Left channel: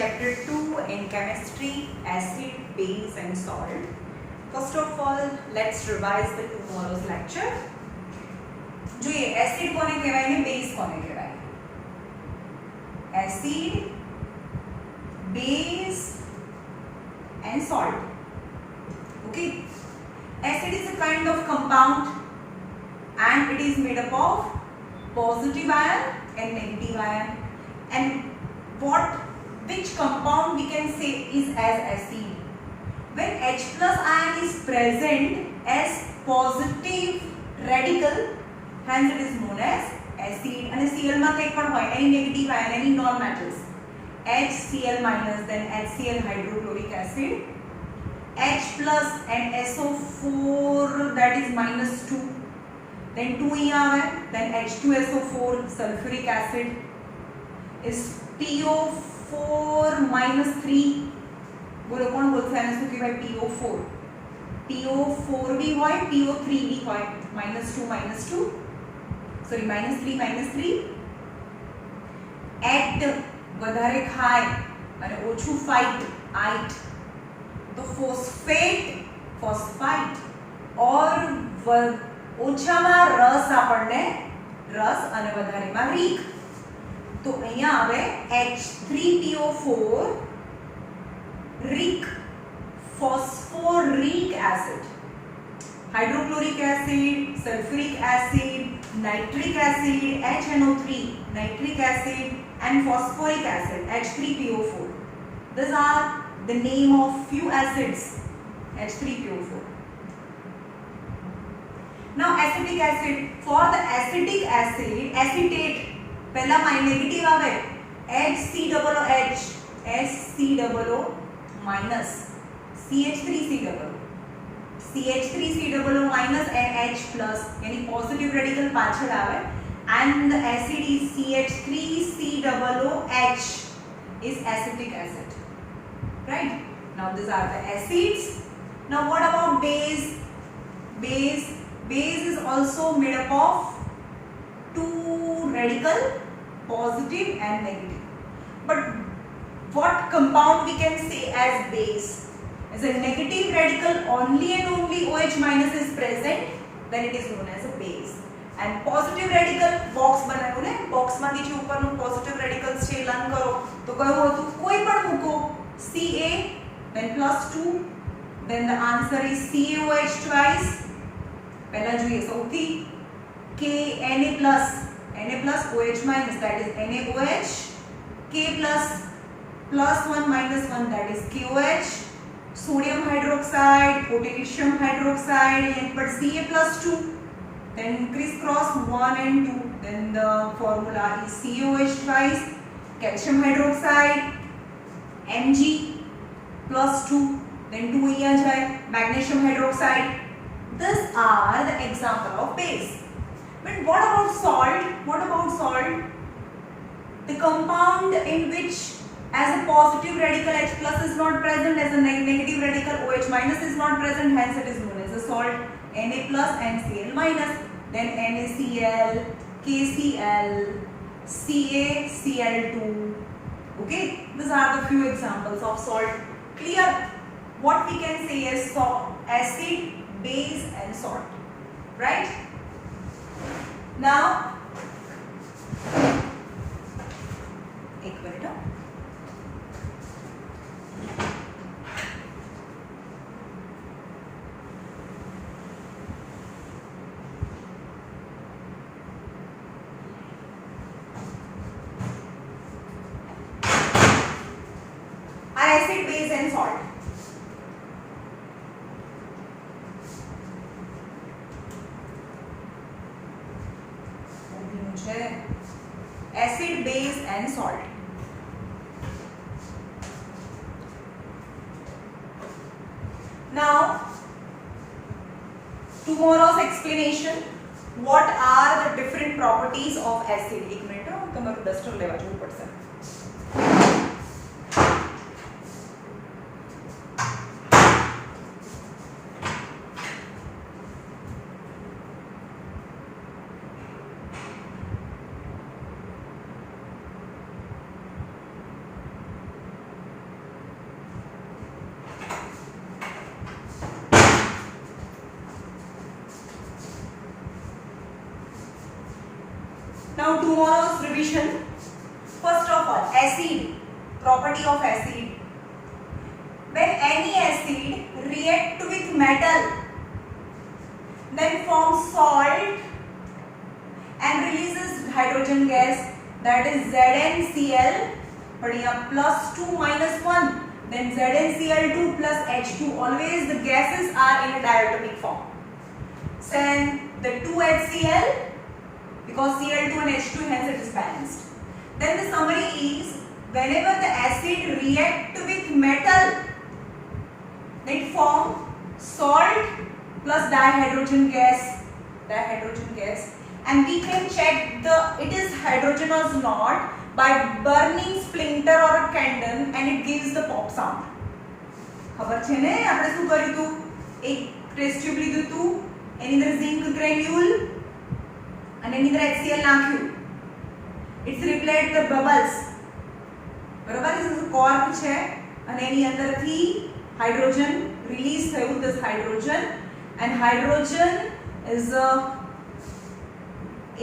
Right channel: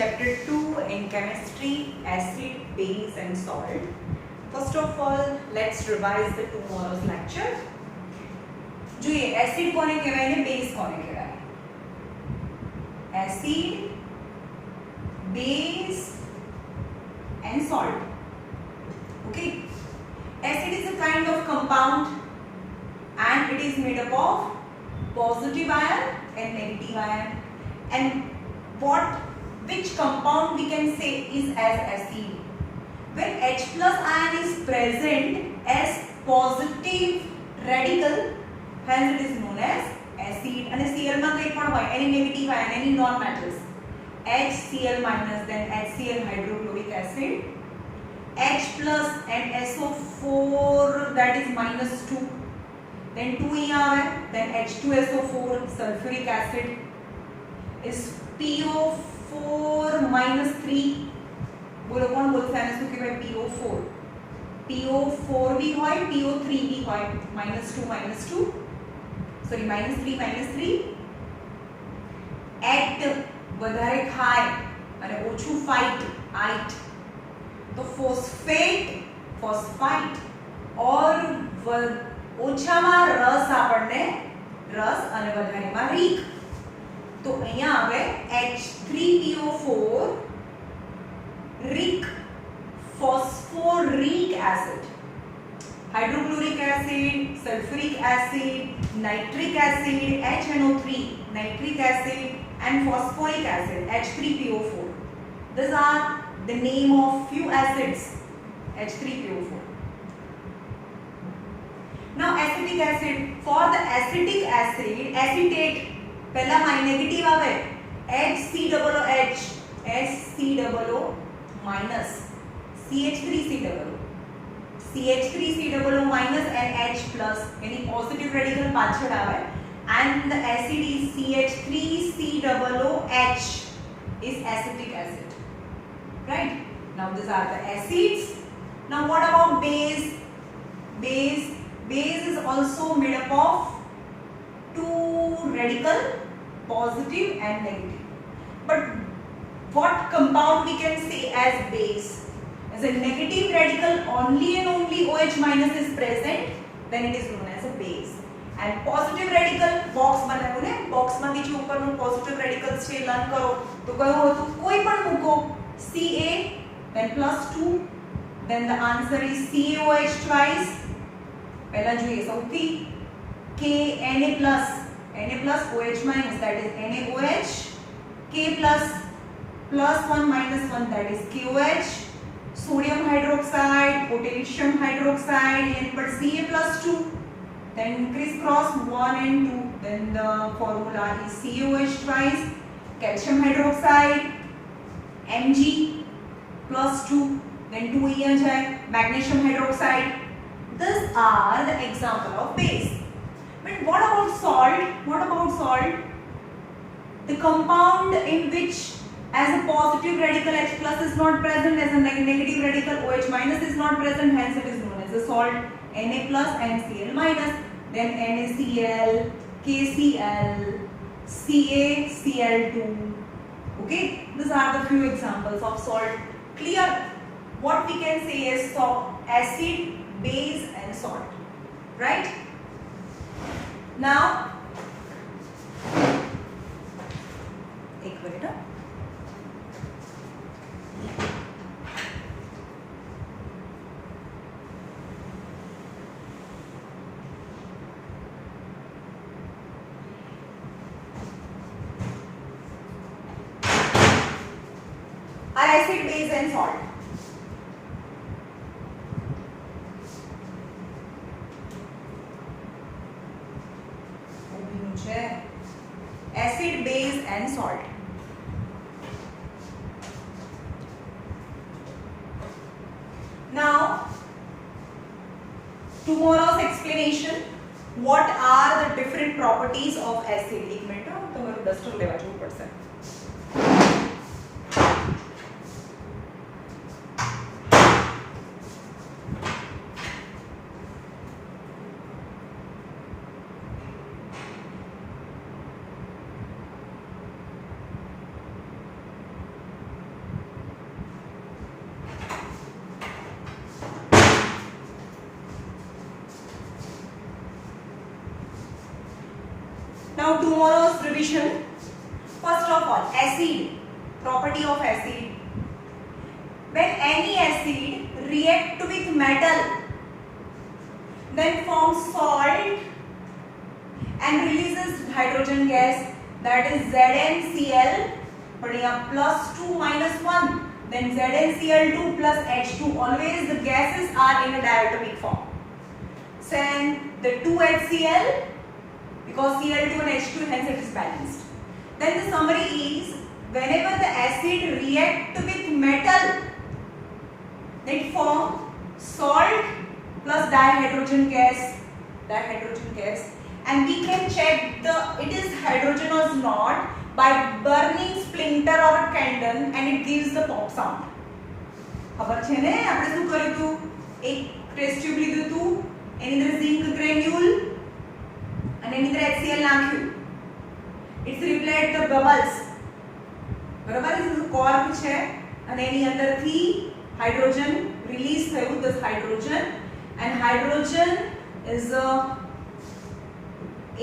Chapter 2 in chemistry, acid, base and salt. First of all, let's revise the tomorrow's lecture. જોઈએ એસિડ કોને કહેવાય ને બેઝ કોને કહેવાય? Acid, base and salt. Okay, acid is a kind of compound and it is made up of positive ion and negative ion. And which compound we can say is as acid? When H plus ion is present as positive radical, hence it is known as acid. And Cl માં કંઈ પણ હોય, any negative ion, any non-metals, HCl minus, then HCl hydrochloric acid, H plus and SO4, that is minus 2, then 2 અહીંયા આવે, then H2SO4 sulfuric acid is PO4 minus 3. બોલો કોણ બોલશે આને શું કહેવાય? PO4. PO4 भी હોય, PO3 भी હોય, -2 sorry -3 at વધારે ખાય અને ઓછું ફાઇટ આઇટ તો ફોસ્ફાઇટ और ઓછામાં રસ આપણને રસ અને વધારેમાં રીક. તો અહીંયા આવે H3PO4 रिक phosphoric acid, hydrochloric acid, sulfuric acid, nitric acid, HNO3, nitric acid and phosphoric acid, H3PO4. These are the name of few acids, H3PO4. Now acidic acid, for the acidic acid, acetate पहला माइ नेगेटिव आवे HCOOH HCOO minus CH3COO minus and H plus यानी positive radical पाछળ આવે and the acid is CH3COOH is acetic acid, right? Now these are the acids. Now what about base? Base is also made up of two radical, positive and negative. But what compound we can say as base? As a negative radical only and only OH minus is present, then it is known as a base. And positive radical box બનાવ્યું ને, box માંથી જે ઉપરનું positive radicals છે લર્ન કરો તો કયું હતું? કોઈ પણ મૂકો, Ca then +2, then the answer is CaOH twice. પહેલા જોઈએ સૌથી K Na plus OH minus, that is NaOH, K plus +1 minus 1, that is KOH, sodium hydroxide, potassium hydroxide, and but Ca+2, then crisscross 1 and 2, then the formula is COH twice, calcium hydroxide, Mg+2, then 2 here jai, magnesium hydroxide. These are the example of base. But what about salt? The compound in which as a positive radical H plus is not present, as a negative radical OH minus is not present, hence it is known as a salt. Na plus and Cl minus, then NaCl, KCl, CaCl2. Okay, these are the few examples of salt. Clear? What we can say is acid, base and salt, right? Now एक minute. Acid, base and salt. Acid, base and salt. Now tomorrow's explanation. What are the different properties of acid? एक मिनट તમારું ડસ્ટર લેવા જવું પડશે. Now tomorrow's revision. First of all, acid, property of acid. When any acid react with metal, then forms salt and releases hydrogen gas, that is ZnCl, but here +2 -1, then ZnCl2 plus H2. Always the gases are in a diatomic form. Then the 2HCl, because Cl2 and H2, hence it is balanced. Then the summary is, whenever the acid react with metal, it form salt plus dihydrogen gas, and we can check it is hydrogenous or not by burning splinter or a candle, and it gives the pop sound. ખબર છે ને આપણે શું કર્યું હતું? એક test tube લીધું હતું, એની અંદર ઝિંક ગ્રેન્યુલ અને એની અંદર HCl નાખ્યું. It's repelled the bubbles. બરાબર, એ કોર્ક છે અને એની અંદરથી હાઇડ્રોજન રિલીઝ થયું, this hydrogen, and hydrogen is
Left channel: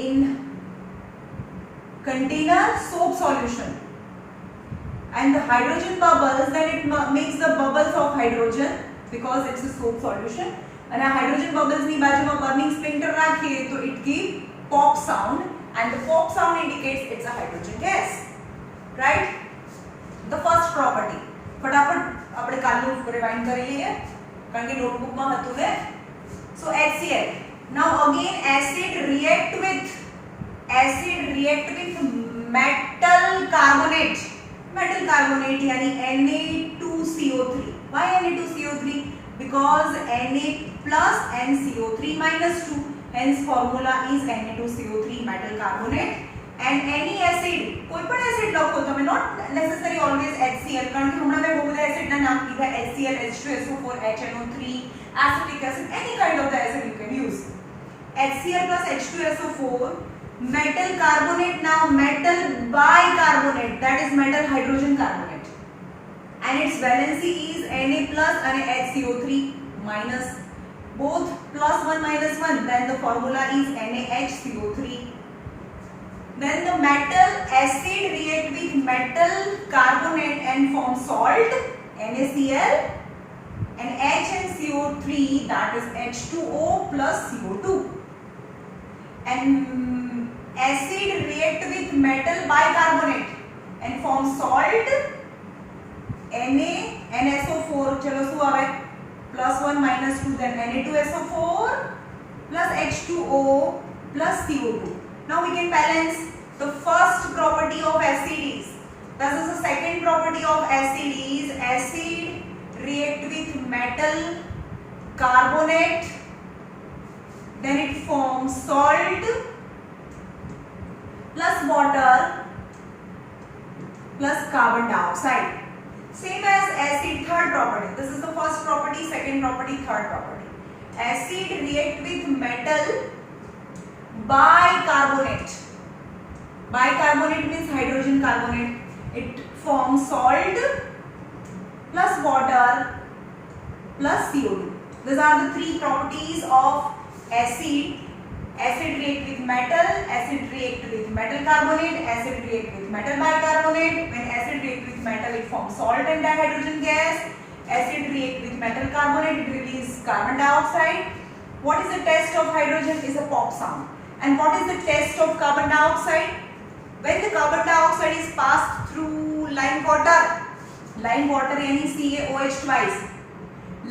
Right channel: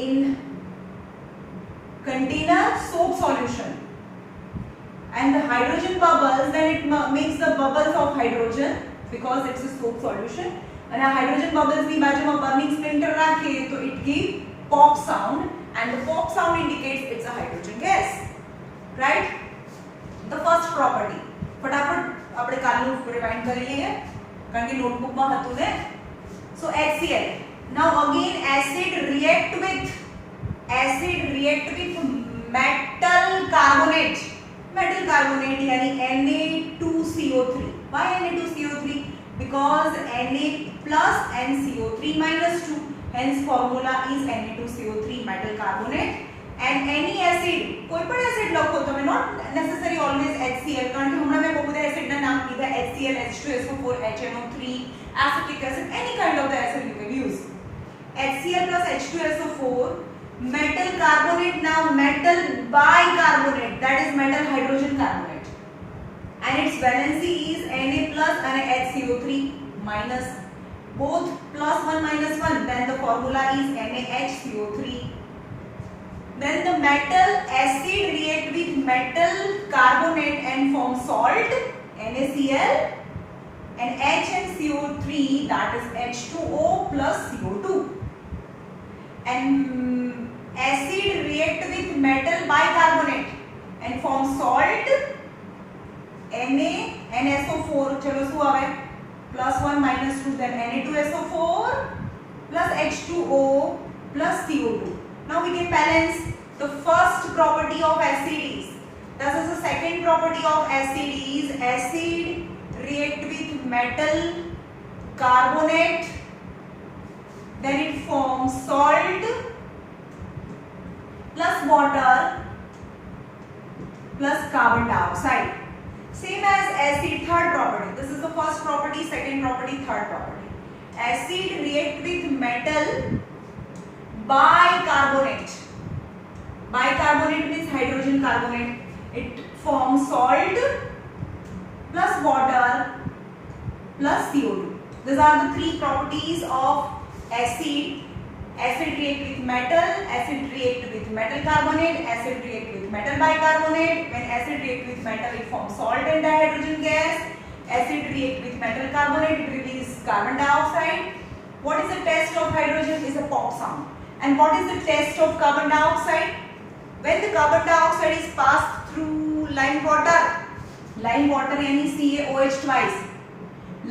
in container soap solution, and the hydrogen bubbles, then it makes the bubbles of hydrogen because it's a soap solution, and a hydrogen bubbles ની બાજુમાં burning splinter રાખીએ તો it give pop sound, and the pop sound indicates it's a hydrogen gas, right? The first property ફટાફટ આપણે કાલનું રિવાઇન્ડ કરી લઈએ કારણ કે નોટબુકમાં હતું ને. So HCl. Now again acid react with metal carbonate यानी Na2CO3. Why Na2CO3? Because Na plus and CO3 minus 2, hence formula is Na2CO3 metal carbonate. And any acid, कोई पण acid લખો તમે, not necessary always HCl, કારણ કે હમણાં મેં બહુ બધા acid ના નામ કીધા, HCl, H2SO4, HNO3, acetic acid, any kind of the acid you can use. HCl plus H2SO4, metal carbonate. Now metal bicarbonate, that is metal hydrogen carbonate, and its valency is Na plus and HCO3 minus, both +1 -1, then the formula is NaHCO3. Then the metal acid react with metal carbonate and form salt, NaCl, and H and CO3, that is H2O plus CO2. And acid react with metal bicarbonate and form salt, NaSO4, चलो શું આવે? +1 -2, then Na2SO4 plus H2O plus CO2. Now we can balance. The first property of acid is, this is the second property of acid is, acid react with metal carbonate, then it forms salt plus water plus carbon dioxide. Same as acid, third property. This is the first property, second property, third property. Acid react with metal bicarbonate. Bicarbonate means hydrogen carbonate. It forms salt plus water plus CO2. These are the three properties of acid. Acid react with metal, acid react with metal carbonate, acid react with metal bicarbonate. When acid react with metal, it forms salt and dihydrogen gas. Acid react with metal carbonate, it releases carbon dioxide. What is the test of hydrogen? Is a pop sound. And what is the test of carbon dioxide? When the carbon dioxide is passed through lime water यानी CaOH twice,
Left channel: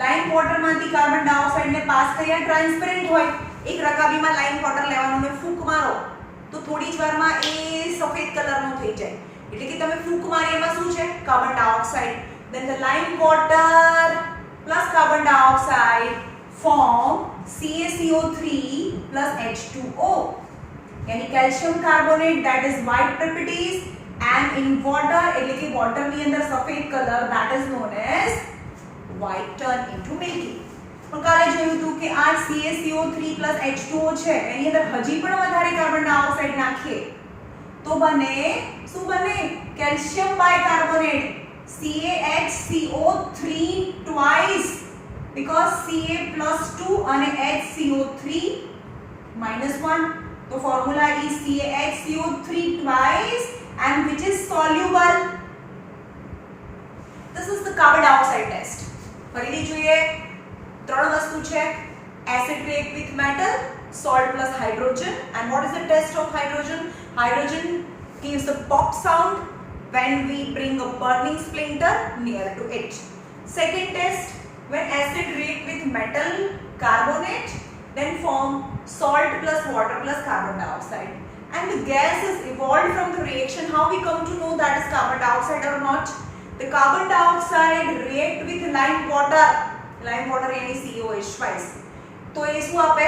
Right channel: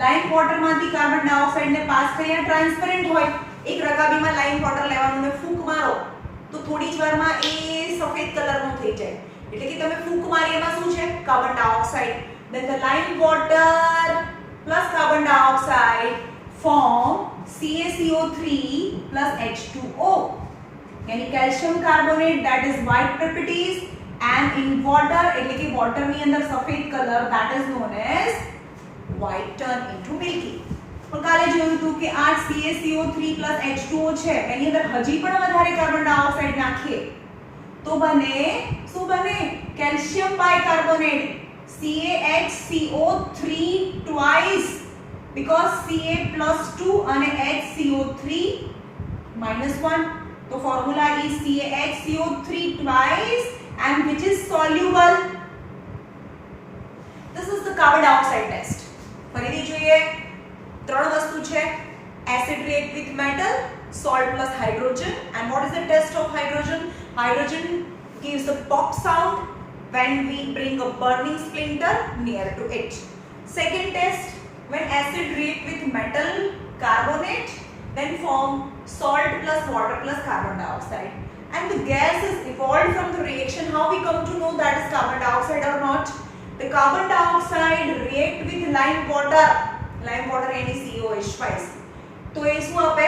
lime water માંથી carbon dioxide ને પાસ કર્યા ટ્રાન્સપેરન્ટ હોય, એક રકાબીમાં lime water લેવાનું ને ફૂંક મારો તો થોડી જ વારમાં એ સફેદ કલરનું થઈ જાય, એટલે કે તમે ફૂંક મારી એમાં શું છે? Carbon dioxide. Then the lime water plus carbon dioxide form CaCO3 plus H2O, यानी calcium carbonate, that is white properties, and in water એટલે કે water ની અંદર સફેદ colour, that is known as white turn into milky. પણ કાલે જોયું હતું કે આ CaCO3 plus H2O છે, એની અંદર હજી પણ વધારે કાર્બન ડાયોક્સાઇડ નાખીએ તો બને શું બને? calcium bicarbonate, CaHCO3 twice, because Ca plus 2 અને HCO3 minus 1. तो formula is CaHCO3 twice and which is soluble. This is the carbon dioxide test. ફરીથી જોઈએ ત્રણ વસ્તુ છે acid react with metal, salt plus hydrogen. And what is the test of hydrogen? Hydrogen gives the pop sound when we bring a burning splinter near to it. Second test, when acid react with metal carbonate, then form salt plus water plus carbon dioxide. And the gas is evolved from the reaction. How we come to know that is carbon dioxide or not? The carbon dioxide react with lime water NaCOH twice. तो ये શું આપે?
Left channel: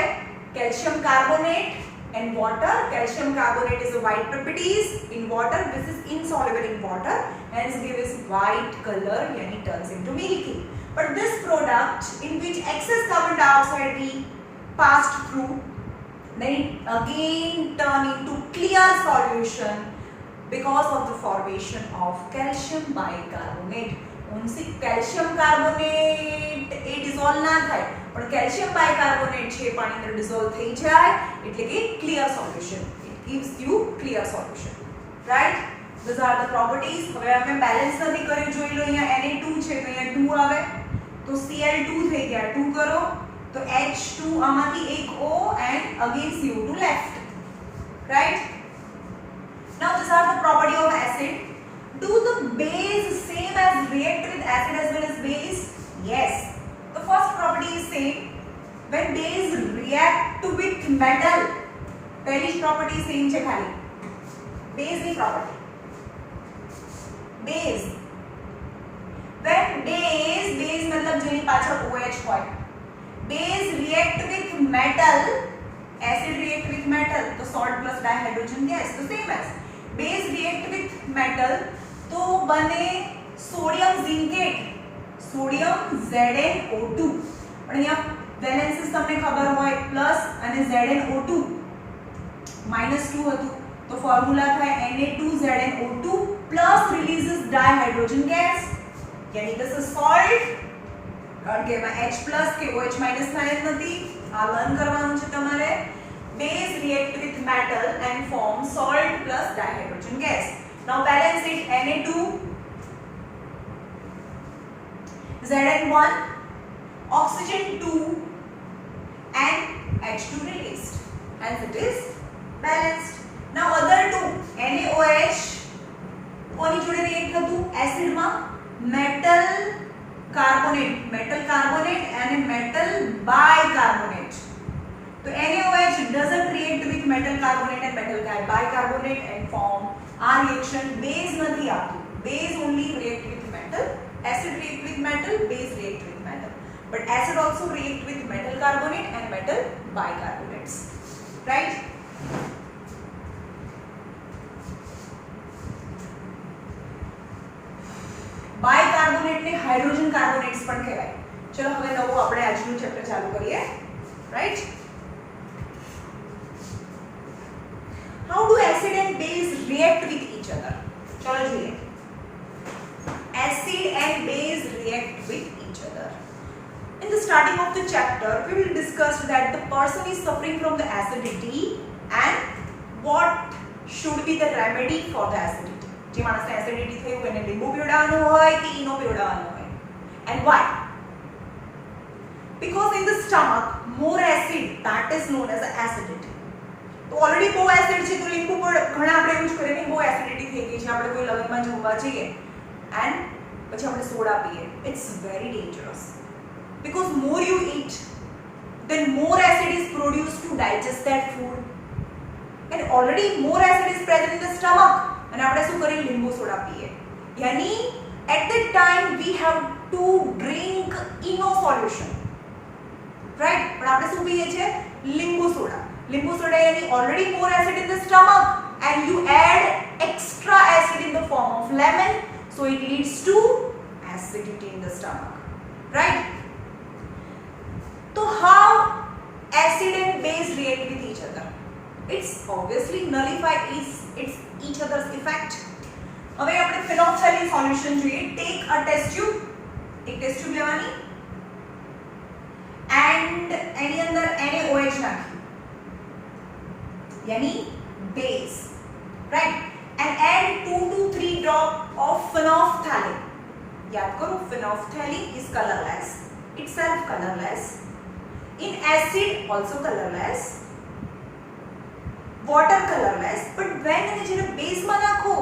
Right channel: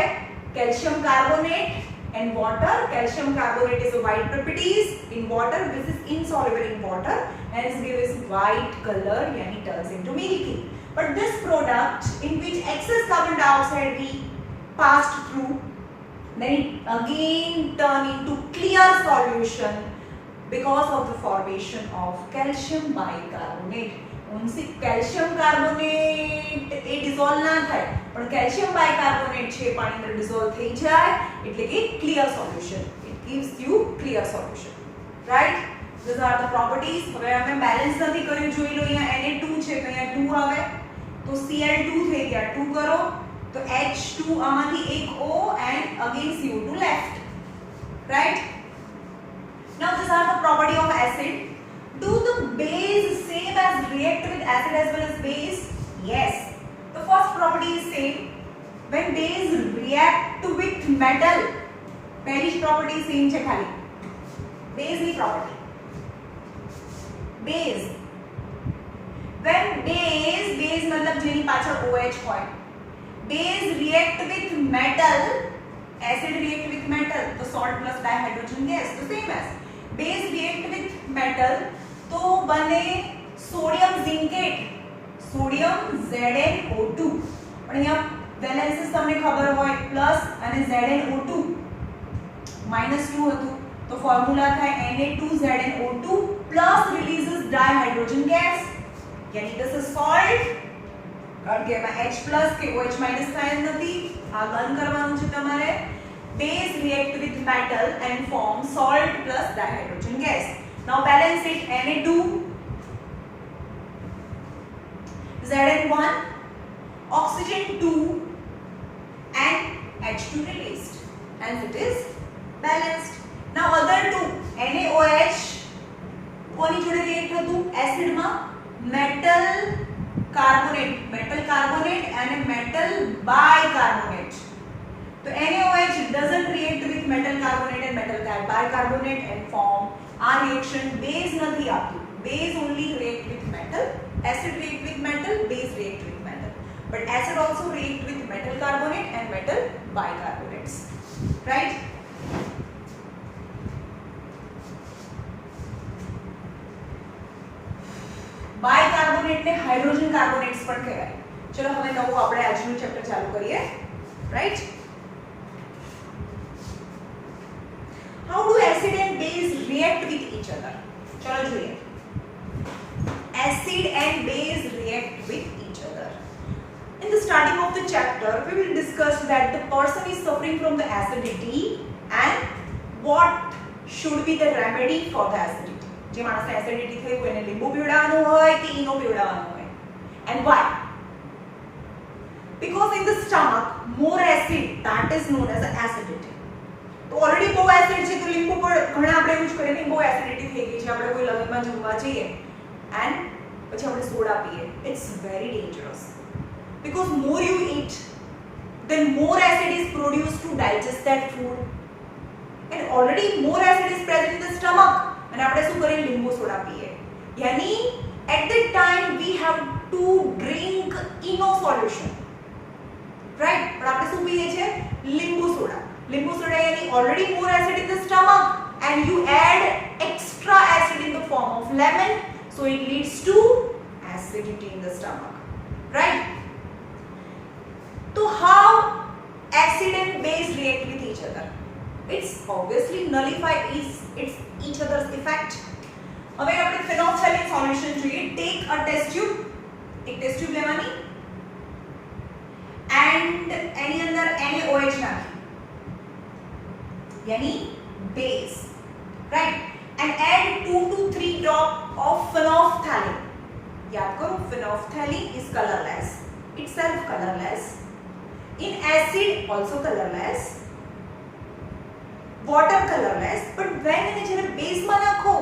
Calcium carbonate and water. Calcium carbonate is a white properties in water. This is insoluble in water, hence gives white color, yani turns into milky. But this product in which excess carbon dioxide we passed through, then it again turn into clear solution because of the formation of calcium bicarbonate. only calcium carbonate એ dissolve ના થાય, પણ calcium bicarbonate છે પાણી અંદર dissolve થઈ જાય એટલે કે clear solution. It gives you clear solution, right? These are the properties. હવે અમે બેલેન્સ નથી કર્યું, જોઈ લો અહીંયા Na2 છે તો અહીંયા 2 આવે તો Cl2 થઈ ગયા, 2 કરો તો H2 આમાંથી એક O and again CO2 left, right? Now these are the property of acid. Do the base same as react with acid as well as base? Yes. The first property is same. When base react with metal, पहली property same છે ખાલી. Base ની property. Base. When base मतलब જેની પાછળ OH હોય. Base react with metal, acid react with metal, तो salt plus dihydrogen gas, the same as. Base react with metal, तो बने सोडियम जिंकेट, सोडियम ZnO2. પણ અહીંયા બેલેન્સીસ તમને ખબર હોય પ્લસ અને ZnO2 -2 હતું તો ફોર્મ્યુલા થાય Na2ZnO2 પ્લસ રિલીઝિસ ડાયહાઇડ્રોજન ગેસ, यानी this is salt. કારણ કે એમાં H પ્લસ કે OH માઈનસ થાય જ નથી, આ લર્ન કરવાનું છે તમારે. Base react with metal and form salt plus dihydrogen gas. Now balance it. Na2 Zn1 oxygen 2 and H2 released, hence it is balanced. Now other two NaOH કોની જોડે રિએક્ટ હતું એસિડ માં? metal carbonate and metal bicarbonate. So NaOH doesn't react with metal carbonate and metal bicarbonate and form our reaction. Base nathi aaptu, base only react with metal, acid react with metal, base react with metal, but acid also react with metal carbonate and metal bicarbonates, right? Bicarbonate ने hydrogen carbonates પણ કહેવાય. ચલો હવે નવું આપણે આજનું ચેપ્ટર ચાલુ કરીએ, right? How do acid and base react with each other? ચલો જોઈએ. Acid and base react with each other. In the starting of the chapter, we will discuss that the person is suffering from the acidity and what should be the remedy for the acidity. જે માણસને એસિડિટી થયું એને લીંબુ પીવડાવવાનું હોય કે ઈનો પીવડાવવાનું હોય, and why? Because in the stomach more acid, that is known as acidity. તો ઓલરેડી બહુ એસિડ છે તો લીંબુ પર ઘણા આપણે એવું જ કરીએ કે બહુ એસિડિટી થઈ ગઈ છે, આપણે કોઈ લગ્નમાં જમવા જઈએ and પછી આપણે સોડા પીએ. It's very dangerous because more you eat then more acid is produced to digest that food, and already more acid is present in the stomach. અને આપણે શું કરીએ? લીંબુ સોડા પીએ. યાની at that time we have to drink eno solution, right? પણ આપણે શું પીએ છે? લીંબુ સોડા. લીંબુ સોડા યાની already more acid in the stomach and you add extra acid in the form of lemon, so it leads to acidity in the stomach, right? So how acid and base react with each other? It's obviously nullify each other's effect. હવે આપણે phenolphthalein solution જોઈએ. Take a test tube, એક test tube લેવાની and એની અંદર NaOH નાખી, यानी base, right? And add 2 to 3 drop of phenolphthalein. याद करो phenolphthalein is colorless, itself colorless. In acid also colorless, water colorless, but when એને જ્યારે બેઝમાં નાખો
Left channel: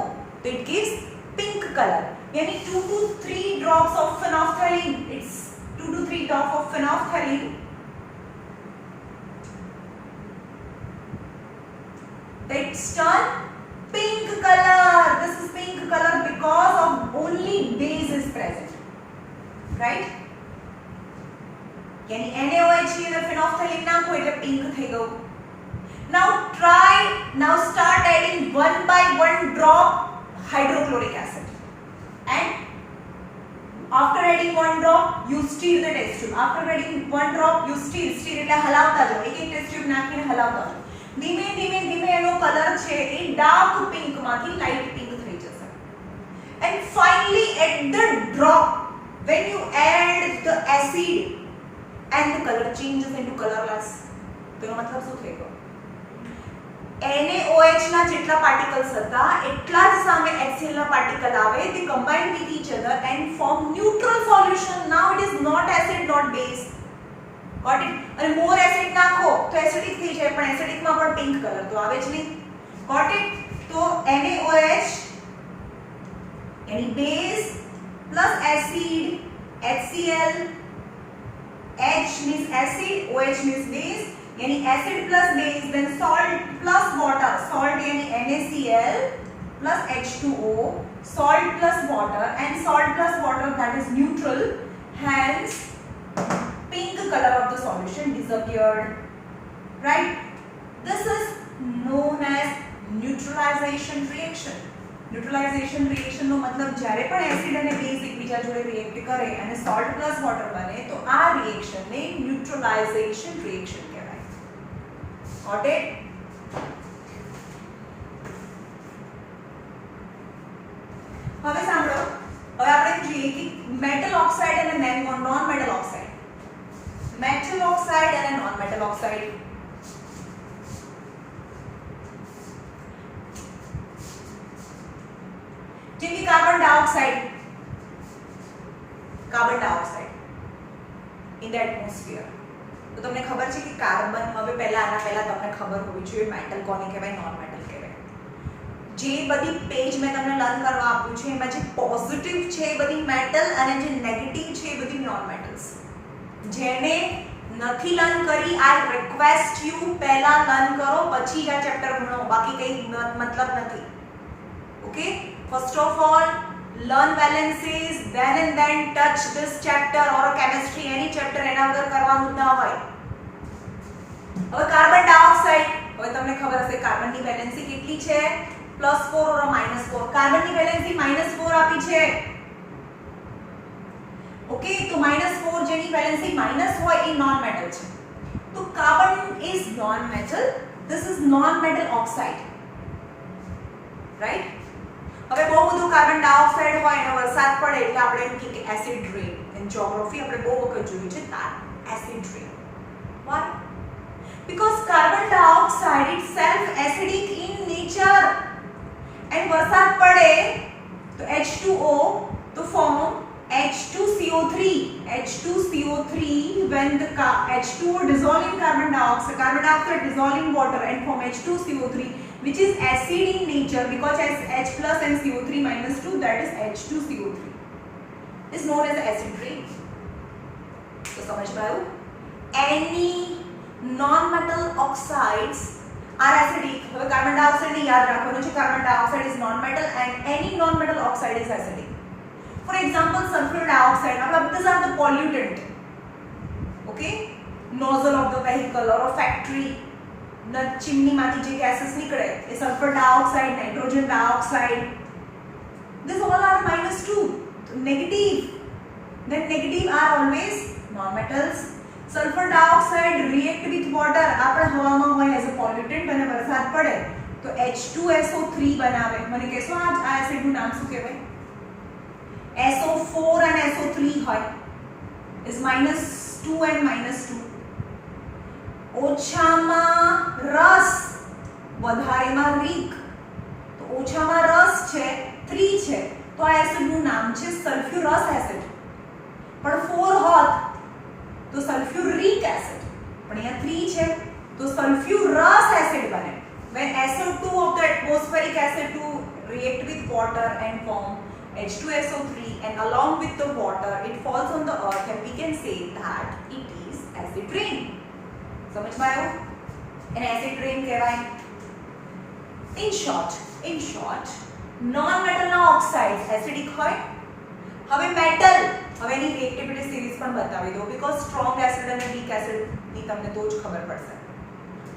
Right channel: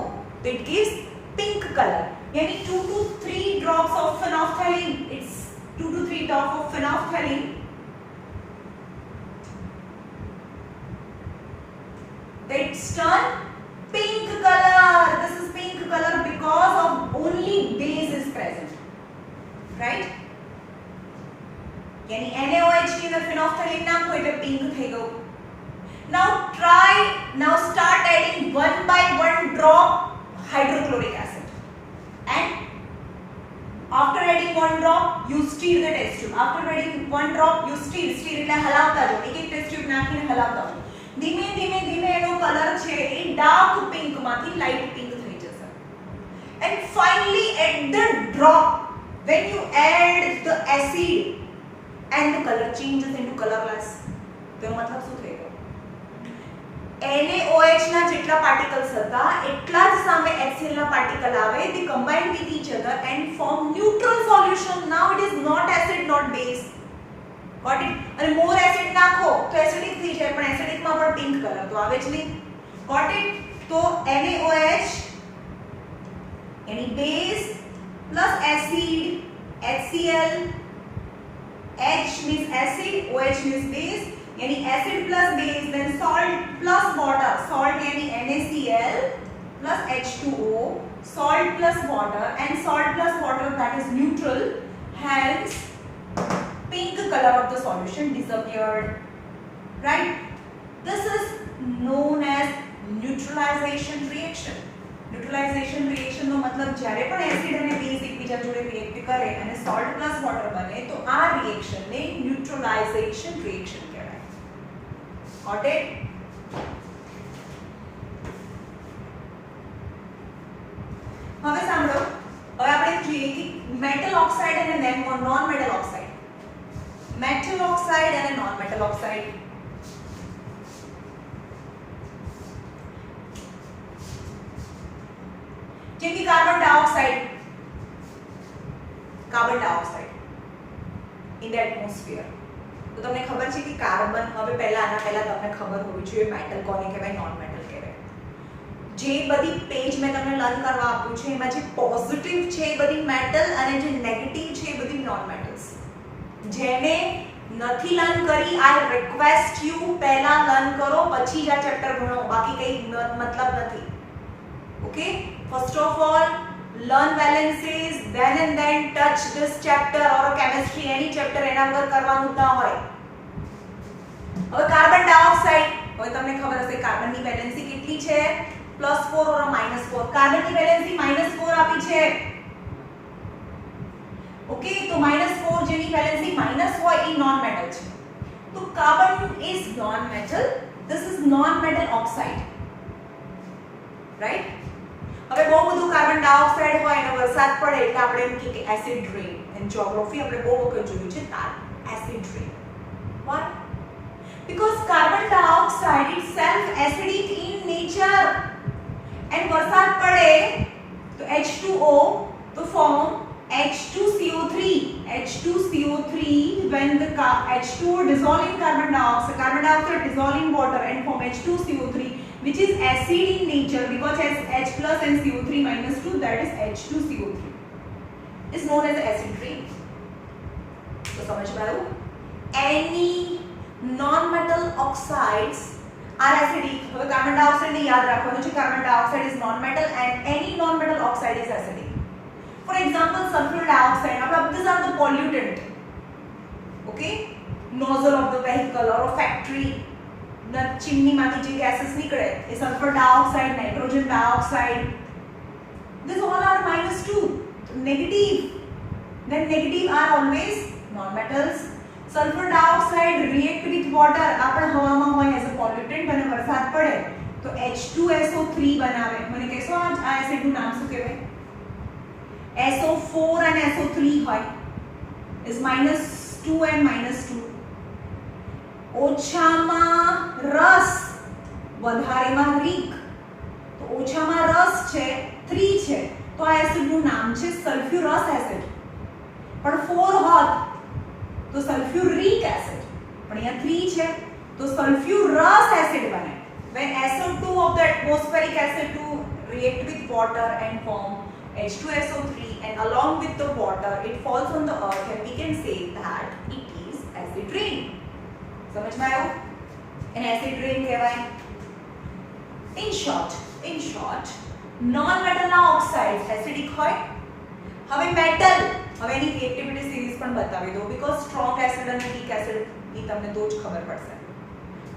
તો it gives pink color. यानी 2 to 3 drops of phenolphthalein, it's 2 to 3 drops of phenolphthalein. It's turned pink color. This is pink color because of only base is present, right? यानी NaOH ની અંદર phenolphthalein નાખો એટલે pink થઈ ગયું. Now start adding 1 by 1 drop hydrochloric acid, and after adding 1 drop you stir the test tube. After adding 1 drop you stir એટલે હલાવતા જાઓ, એક ટેસ્ટ ટ્યુબ નાખીને હલાવતા જાઓ. ધીમે ધીમે ધીમે એનો કલર છે એ ડાર્ક પિંક માંથી લાઇટ પિંક થઈ જશે. And finally at the drop when you add the acid and the color changes into colorless. તેનો મતલબ શું થઈ ગયો? NaOH ના જેટલા પાર્ટિકલ્સ હતા એટલા જ સામે HCl ના પાર્ટિકલ આવે, they combine with each other and form neutral solution. Now it is not acid, not base. Got it? અને more acid નાખો તો એસિડિક થઈ જાય, પણ એસિડિક માં પણ પિંક કલર તો આવે જ નહીં. Got it? તો NaOH એની base plus acid, HCl, H means acid, OH means base, यानी acid plus base, then salt plus water, salt यानी NaCl plus H2O, salt plus water, and salt plus water that is neutral, hence pink color of the solution disappeared, right? This is known as neutralization reaction. Neutralization reaction નો મતલબ જ્યારે પણ એસિડ અને બેઝ એકબીજા જોડે રિએક્ટ કરે અને સોલ્ટ પ્લસ વોટર બને તો આ રિએક્શનને ન્યુટ્રલાઇઝેશન રિએક્શન કહેવાય. Got it? હવે સાંભળો, હવે આપણે જોઈએ કે મેટલ ઓક્સાઇડ અને non metal oxide, metal oxide અને નોન મેટલ ઓક્સાઇડ. જેમ કે carbon dioxide in the atmosphere. તો તમને ખબર છે કે કાર્બન, હવે આના પહેલા તમને ખબર હોવી જોઈએ મેટલ કોને કહેવાય, નોન મેટલ કહેવાય. જે બધી પેજ મેં તમને લર્ન કરવા આપ્યું છે એમાં જે પોઝિટિવ છે એ બધી મેટલ અને જે નેગેટિવ છે એ બધી નોન મેટલ્સ. જેને નથી લર્ન કરી, આઈ રિક્વેસ્ટ યુ પહેલા લર્ન કરો પછી જ આ ચેપ્ટર ભણો, બાકી કંઈ મતલબ નથી. Okay? First of all, learn valences, then and then touch this chapter or chemistry, any chapter એના વગર કરવાનું ના હોય. હવે કાર્બન ડાયોક્સાઇડ, હવે તમને ખબર હશે કાર્બનની વેલેન્સી કેટલી છે? +4 or -4. કાર્બનની વેલેન્સી -4 આપી છે. ઓકે, તો -4 જેની વેલેન્સી માઈનસ હોય એ નોન મેટલ છે. તો carbon is known metal, this is known metal oxide, right? હવે બહુ બધું કાર્બન ડાયોક્સાઇડ હોય અને વરસાદ પડે એટલે આપણે એમ કહીએ કે એસિડ રેન. એન જ્યોગ્રાફી આપણે બહુ વખત જોયું છે એસિડ રેન. Why? Because carbon dioxide itself acidic in nature, and વરસાદ પડે તો H2O to form H2CO3. H2CO3 when the H2O dissolve in carbon dioxide dissolve in water and form H2CO3, which is acid in nature because H plus and CO3 minus 2, that is H2CO3, is known as acid rain. So समझ में आया? Any non-metal oxides are acidic. હવે carbon dioxide ને યાદ રાખવાનું છે, carbon dioxide is non-metal and any non-metal oxide is acidic. For example, sulfur dioxide, these are the pollutant. Okay? Nozzle of the vehicle or a factory. ચીમનીમાંથી જે gases નીકળે એ sulphur dioxide, nitrogen dioxide, these all are -2, negative. Then negative are always non-metals. Sulfur dioxide react with water, આપણે હવામાં હોય as a પોલ્યુટન્ટ અને વરસાદ પડે તો H2SO3 બનાવે. મને કહેશો આ એસિડનું નામ શું કહેવાય? SO4 and SO3 હોય is -2 and -2. ઓછામાં રસ વધારેમાં રિક, તો ઓછામાં રસ છે 3 છે, તો આ એસિડનું નામ છે સલ્ફ્યુરસ એસિડ. પણ 4 હોત તો સલ્ફ્યુરિક એસિડ, પણ અહીંયા 3 છે તો સલ્ફ્યુરસ એસિડ બને. When SO2 of the atmospheric acid to react with water and form H2SO3 and along with the water it falls on the earth and we can say that it is acid rain. समझ में आयो? એને acid rain કહેવાય. In short, non-metal ના oxides acidic હોય. હવે metal, હવે એની reactivity series પણ બતાવી દો because strong acid અને weak acid ની તમને તો જ ખબર પડશે.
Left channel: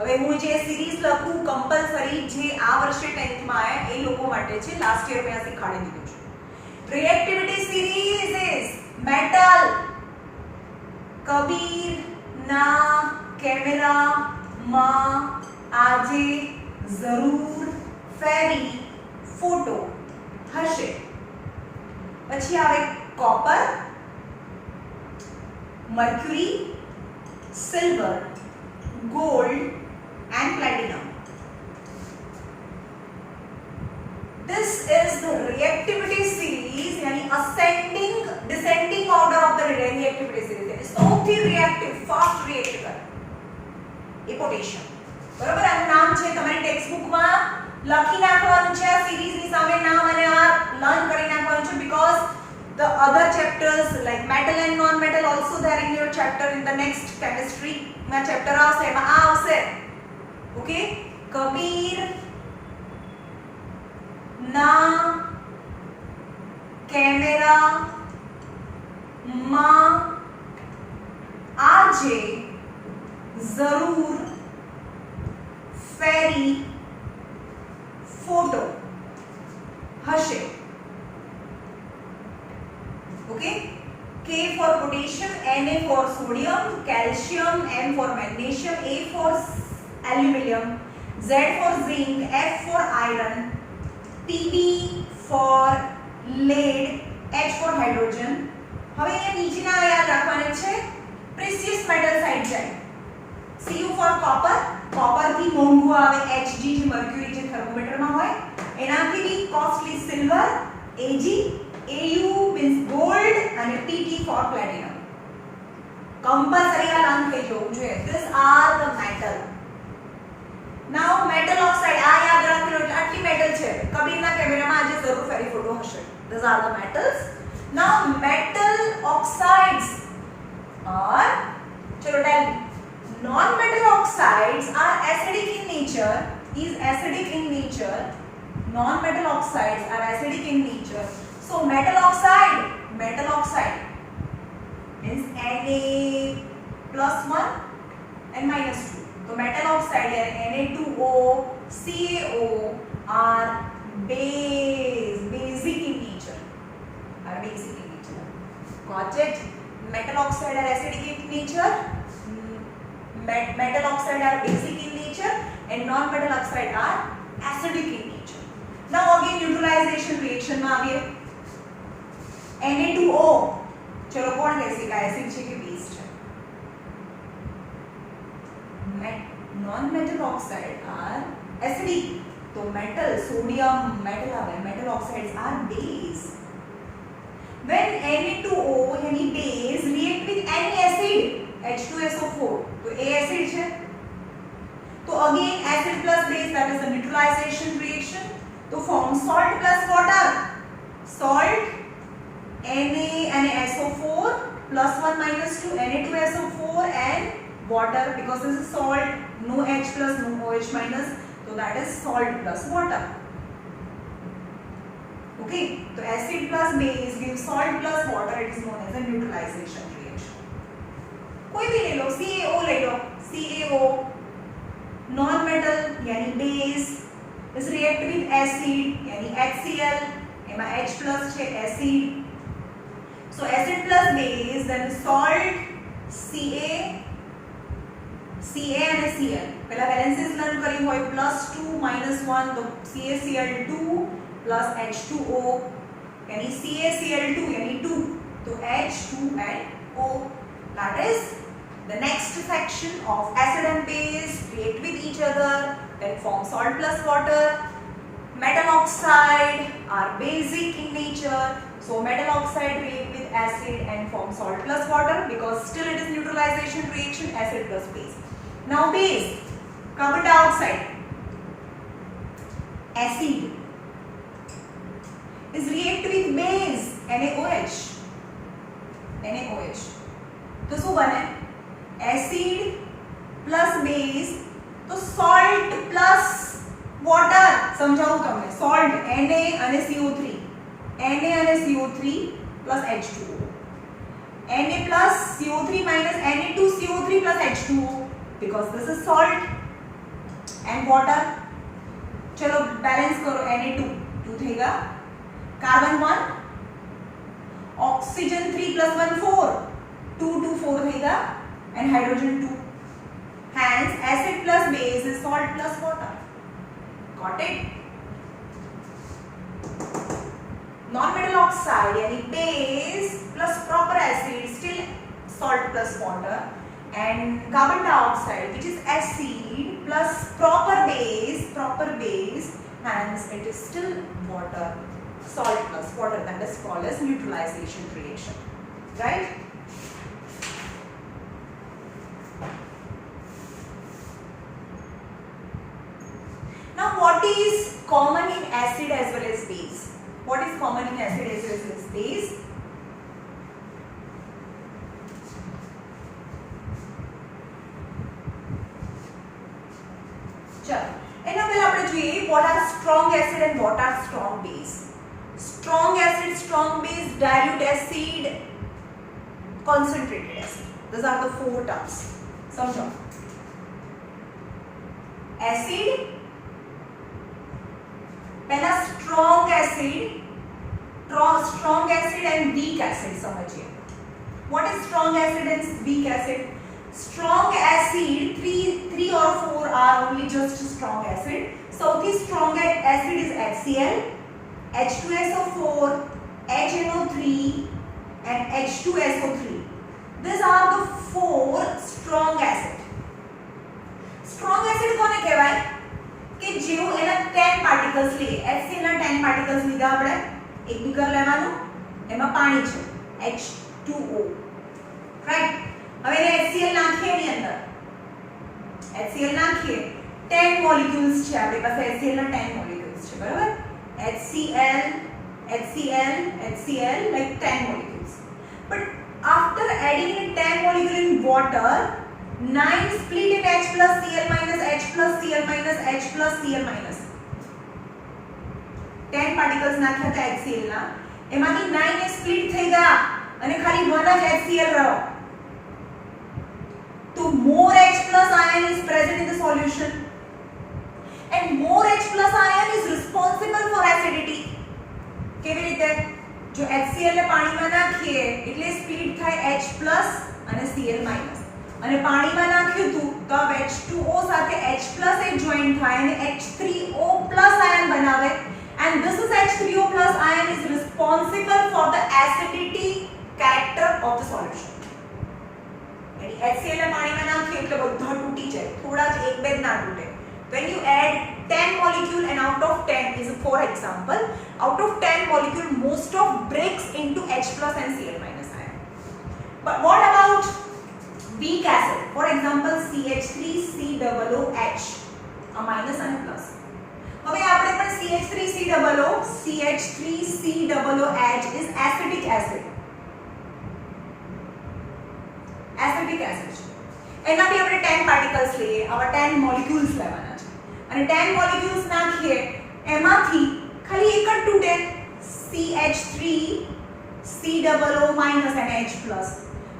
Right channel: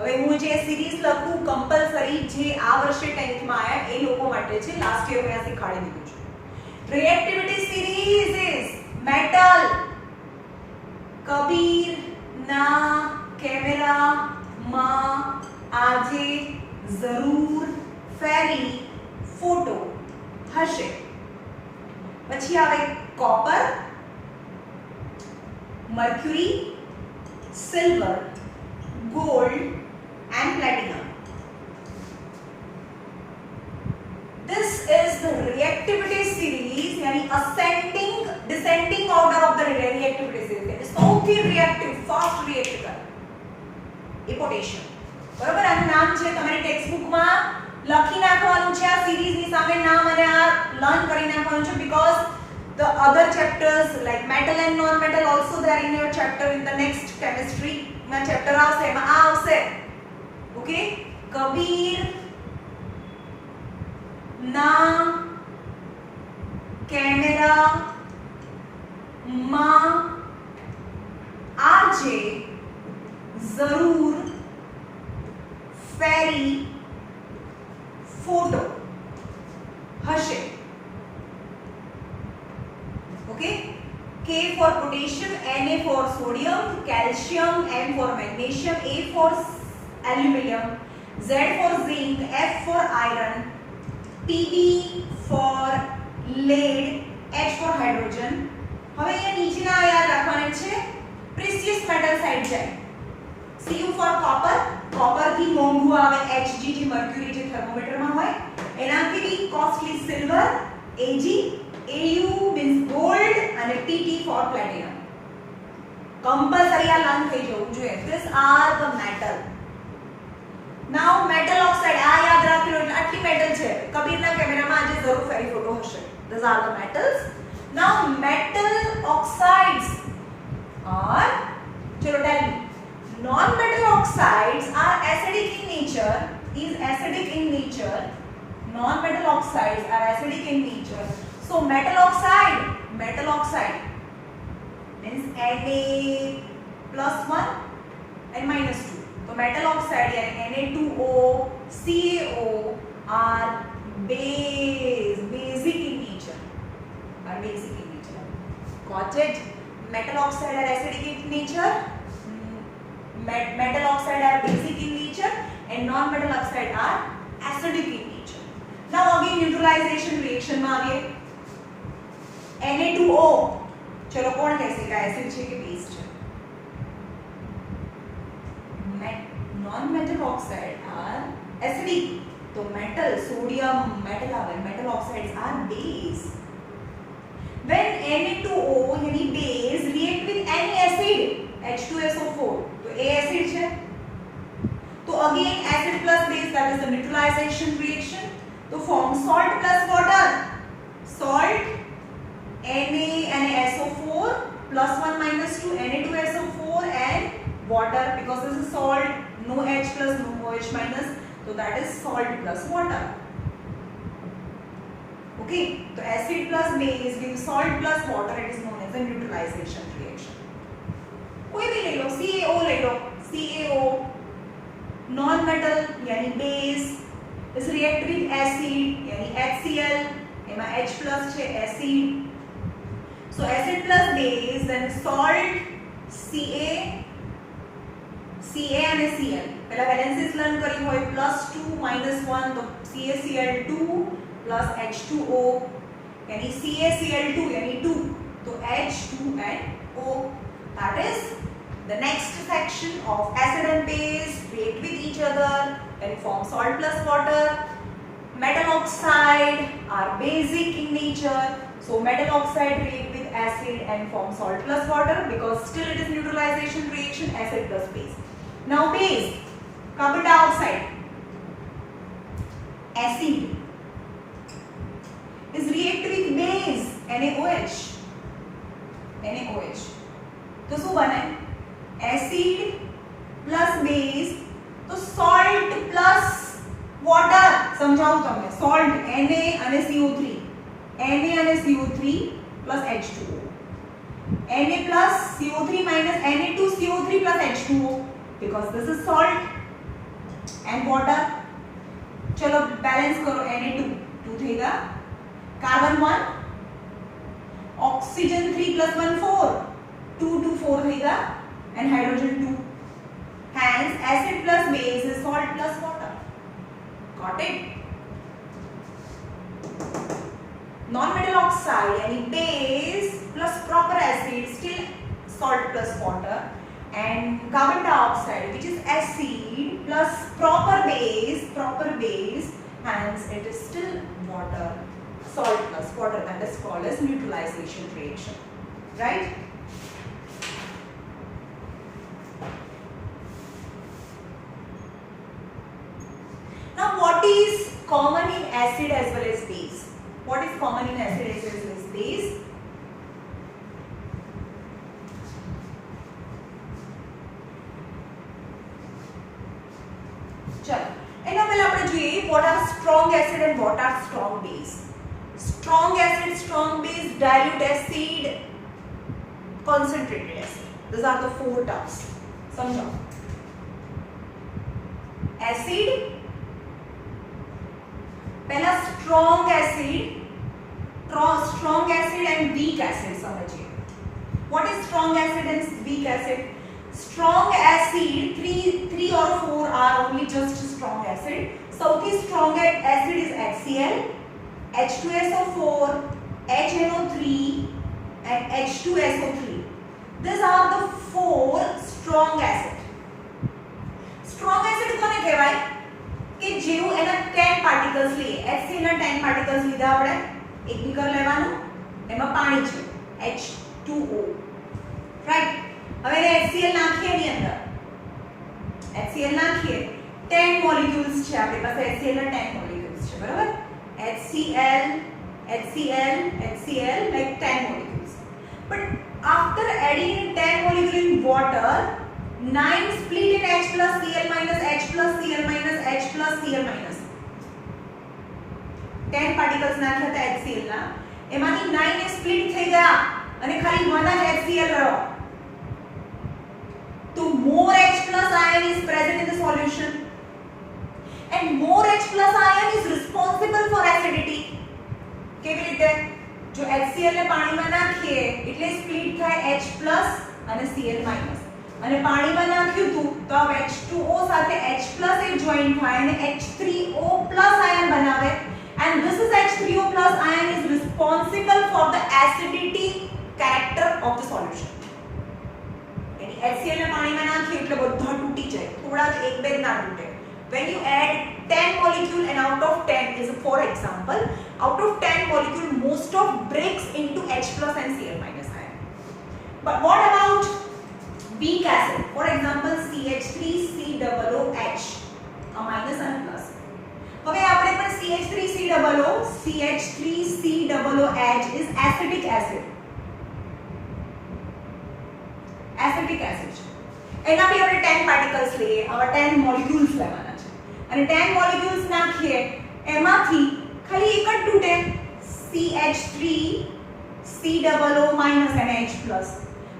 હવે હું જે સિરીઝ લખું કમ્પલસરી જે આ વર્ષે 10th માં આયા એ લોકો માટે છે, લાસ્ટ યર મેં આ શીખવાડી દીધું છે. reactivity series is metal Kabir ના કેમેરા માં આજે જરૂર ફેરી ફોટો હશે. પછી આવે copper, mercury, silver, gold and platinum. This is the reactivity series, यानी ascending descending order of the reactivity series. સૌથી reactive fast react કરે એ પોટેશિયમ. બરોબર, આનું નામ છે તમારી ટેક્સ્ટ બુક માં લખી નાખવાનું છે, આ સિરીઝ ની સામે નામ અને આ લર્ન કરી નાખવાનું છે because the other chapters like metal and non-metal also there in your chapter in the next chemistry માં ચેપ્ટર આવશે એમાં આ આવશે. ઓકે, કબીર ના કેમેરા માં આજે જરૂર ફેરી ફોટો હશે. Okay, K for potassium, Na for sodium, calcium, M for magnesium, A for aluminium, Z for zinc, F for iron, Pb for lead, H for hydrogen. હવે અહીંયા નીચેના યાદ રાખવાના છે precious metal side જાય. Cu for copper, copper થી મોંઘું આવે Hg જે mercury જે થર્મોમીટરમાં હોય એનાથી બી costly silver, Ag, Au means gold and Pt for platinum. Compulsory આ લર્ન થઈ જવું જોઈએ. These are the metal. Now metal oxide આ યાદ રાખી લો એટલે આટલી metal છે. કબીરના કેમેરામાં આજે જરૂર ફેરી ફોટો હશે. These are the metals. Now metal oxides are, ચલો tell me, non-metal oxides are acidic in nature. Is acidic in nature. Non-metal oxides are acidic in nature. So metal oxide means Na+1 and -2. So metal oxide यानी Na2O, CaO are basic in nature. Got it? Metal oxide are acidic in nature. Metal oxide are basic in nature and non-metal oxide are acidic in nature. Now again neutralization reaction में आगे Na2O, चलो कौन कैसे का एसिड છે કે बेस છે? Non-metal oxide are acidic. तो metal, sodium, metal आवे, metal oxides are base. When Na2O यानी base react with any acid, H2SO4, तो A acid છે. तो again acid plus base, that is the neutralization reaction. तो form salt plus water. Salt NaSO4 +1 -2 Na2SO4 and water because this is salt, no H plus no OH minus, so that is salt plus water. Okay, so acid plus base gives salt plus water. It is known as a neutralization reaction. कोई भी ले लो, CaO ले लो, CaO non-metal यानी base is react with acid यानी HCl, एमा H plus છે acid. So acid plus base, then salt, Ca and Cl. पहला balances learn करी होई +2 -1 तो CaCl2 plus H2O यानी CaCl2 यानी 2 तो H2 and O. That is the next section of acid and base react with each other, then then form salt plus water. Metal oxide are basic in nature, so metal oxide react with acid and form salt plus water because still it is neutralization reaction, acid plus base. Now base, carbon dioxide, acid is react with base NaOH. NaOH तो શું બને? acid plus base તો salt plus water. સમજાવું તમને, salt Na અને CO3, Na અને CO3 plus H2O, Na plus CO3 minus Na2CO3 plus H2O because this is salt and water. चलो balance करो, Na2 2 થેગા, कार्बन 1, ऑक्सीजन 3 plus 1 4, 2 2 4 થેગા and hydrogen 2. Hence acid plus base is salt plus water. Got it? Non-metal oxide yani base plus proper acid still salt plus water, and carbon dioxide which is acid plus proper base, hence it is still water, salt plus water, and is called as neutralization reaction, right? Now what is common in acid as well as base? What is common in acid as well as base? चलो એના પહેલા આપણે જોઈએ what are strong acid and what are strong base. Strong acid, strong base, dilute acid, concentrated acid. These are the four terms. समझो. Acid, पहला strong acid and weak acid समझिए. What is strong acid and weak acid? Strong acid, 3 or 4 are only just strong acid. So the strong acid is HCl, H2SO4, HNO3 and H2SO3. These are the 4 strong acid. Strong acid કોને કહેવાય? કે જેવું એના 10 particles લે, HCl ના 10 particles લીધા આપણે, એક બીકર લેવાનું, એમાં પાણી છે, H2O, રાઈટ? હવે એને HCl નાખીએ એની અંદર, HCl નાખીએ, 10 molecules છે આપણી પાસે, HCl ના 10 molecules છે, બરાબર? HCl, HCl, HCl, like 10 molecules. But after adding 10 molecules in water, 9 split in H plus Cl minus, H plus Cl minus, H plus Cl minus. 10 particles નાખ્યા હતા HCl ના, એમાંથી 9 split થઈ ગયા અને ખાલી 1 જ HCl રહ્યો. So more H plus ion is present in the solution, and more H plus ion is responsible for acidity. કેવી રીતે? જો HCl ને પાણીમાં નાખીએ એટલે સ્પ્લિટ થાય H plus અને Cl minus, અને પાણીમાં નાખ્યું હતું તો H2O સાથે H plus એક જોઈન્ટ થાય અને H3O plus ion બનાવે, and this is H3O plus ion is responsible for the acidity character of the solution. यानी HCl ને પાણીમાં નાખીએ એટલે બધા તૂટી જાય, થોડા જ એક બે ના તૂટે. When you add 10 molecule and out of 10 is for example, out of 10 molecule most of breaks into H plus and Cl minus ion. But what about weak acid? For example CH3COOH, a minus and a plus. હવે આપણે પણ CH3COOH is acetic acid. Acetic acid છે. એના બી આપણે 10 particles લઈએ, આવા 10 molecules લેવાના છે, અને 10 molecules નાખીએ એમાંથી ખાલી એક જ તૂટે, CH3COO minus અને H plus.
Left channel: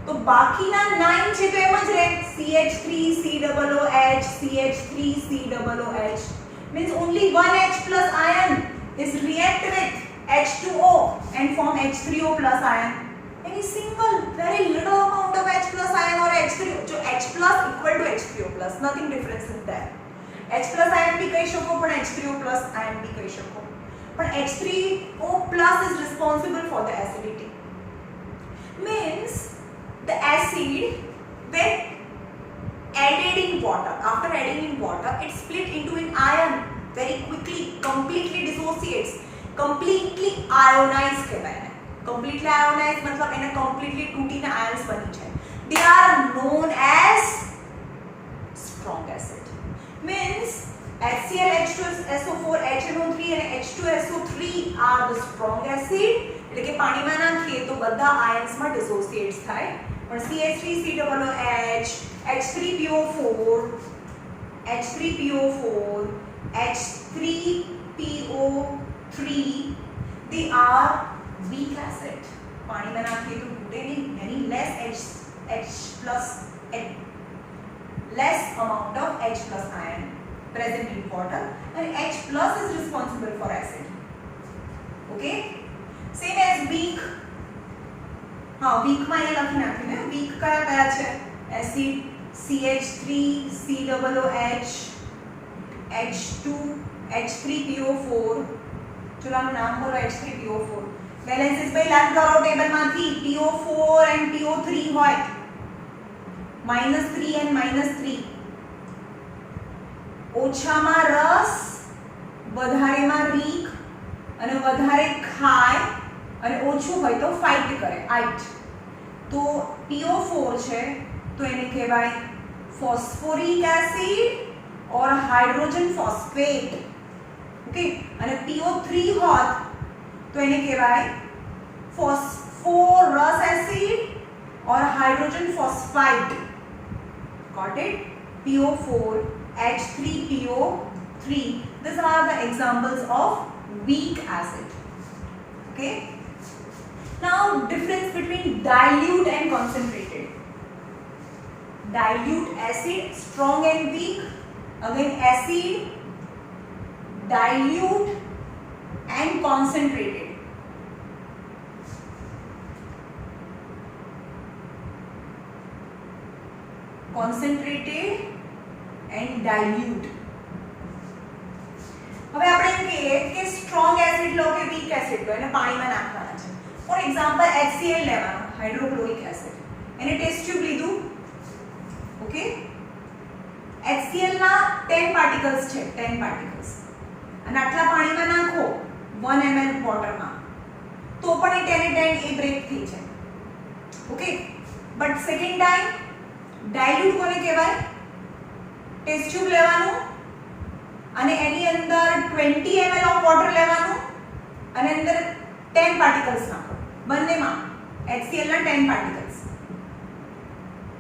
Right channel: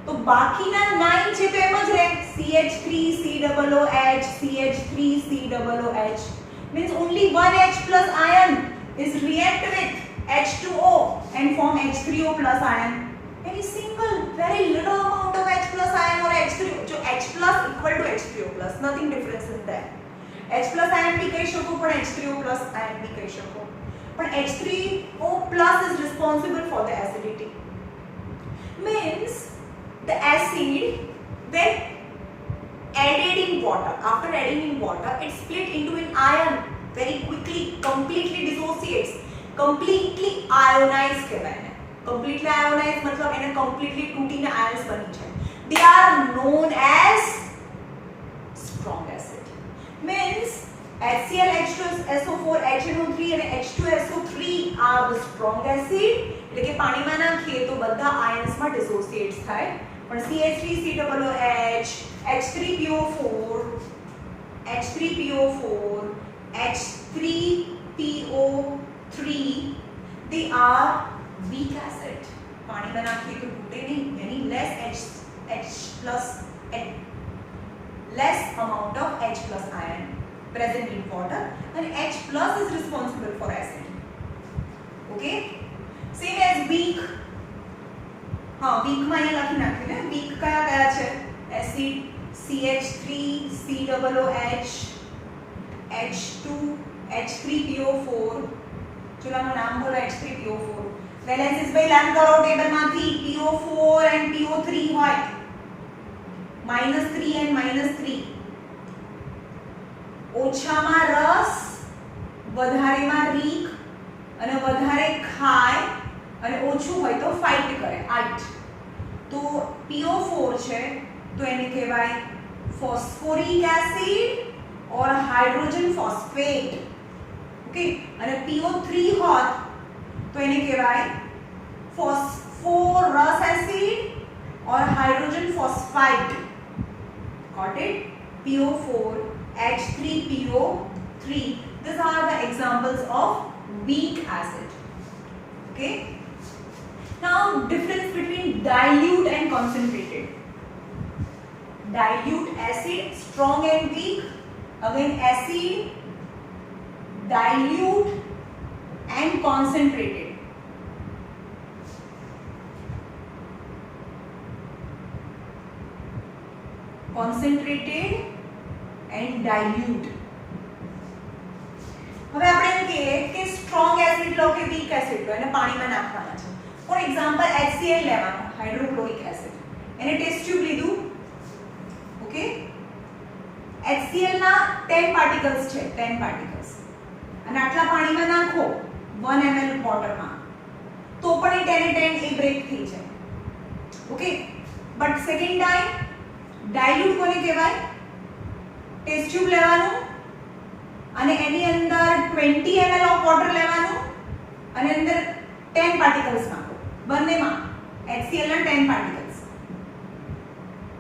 તો બાકીના 9 છે તો એમ જ રહે, CH3COOH, CH3COOH. Means only one H plus ion is react with H2O and form H3O plus ion. Any single very little amount of H plus ion or H3O, so H plus equal to H3O plus, nothing difference in that. H plus ion भी कही शको पर H3O plus ion भी कही शको, but H3O plus is responsible for the acidity. Means the acid when added in water, after adding in water, it split into an ion very quickly, completely dissociates, completely ionized કહેવાય એને. Completely ionized મતલબ એને completely તૂટીને ions બની જાય. They are known as strong acid. Means HCl, H2SO4, HNO3 and H2SO3 are the strong acid. એટલે કે પાણીમાં નાખીએ તો બધા ions માં dissociates થાય. પણ CH3COOH, H3PO4, H3PO4, H3PO3, they are weak acid. પાણીમાં નાખીએ તો તૂટે નહીં, यानी less amount of H plus ion present in water, and H plus is responsible for acid. Okay, same as weak. हाँ, weak માં અહીંયા લખી નાખ્યું ને. weak કયા છે? acid CH3COOH, H2, H3PO4. ચલો આનું નામ બોલો, H3PO4. બેલેન્સીસ ભાઈ લર્ન કરો ટેબલમાંથી. PO4 and PO3 હોય, -3 and -3. ઓછામાં રસ, વધારેમાં રીક, અને વધારે ખાય અને ઓછું હોય તો ફાઇટ કરે, આઇટ. તો PO4 છે તો એને કહેવાય phosphoric acid or hydrogen phosphate. Okay, અને PO3 હોત તો એને કહેવાય phosphorus acid or hydrogen phosphide. Got it? PO4, H3PO3. These are the examples of weak acid. Okay. Now difference between dilute and concentrated. Dilute acid, strong and weak. Again acid, dilute and concentrated. Concentrated and dilute. હવે આપણે એમ કહીએ કે strong acid લો કે week acid લો, એને પાણીમાં નાખવાના છે. For example HCl લેવાનું, હાઇડ્રોક્લોરિક એસિડ. એને ટેસ્ટ ટ્યુબ લીધું. ઓકે, HCl ના 10 પાર્ટિકલ્સ છે, 10 પાર્ટિકલ્સ, અને આટલા પાણીમાં નાખો 1 ml વોટરમાં તો પણ એ 10 એ બ્રેક થઈ જાય. Okay, but second time dilute કોને કહેવાય? ટેસ્ટ ટ્યુબ લેવાનું અને એની અંદર 20 ml ઓફ વોટર લેવાનું અને અંદર 10 પાર્ટિકલ્સ નાખો, બંનેમાં HCl ના 10 પાર્ટિકલ્સ.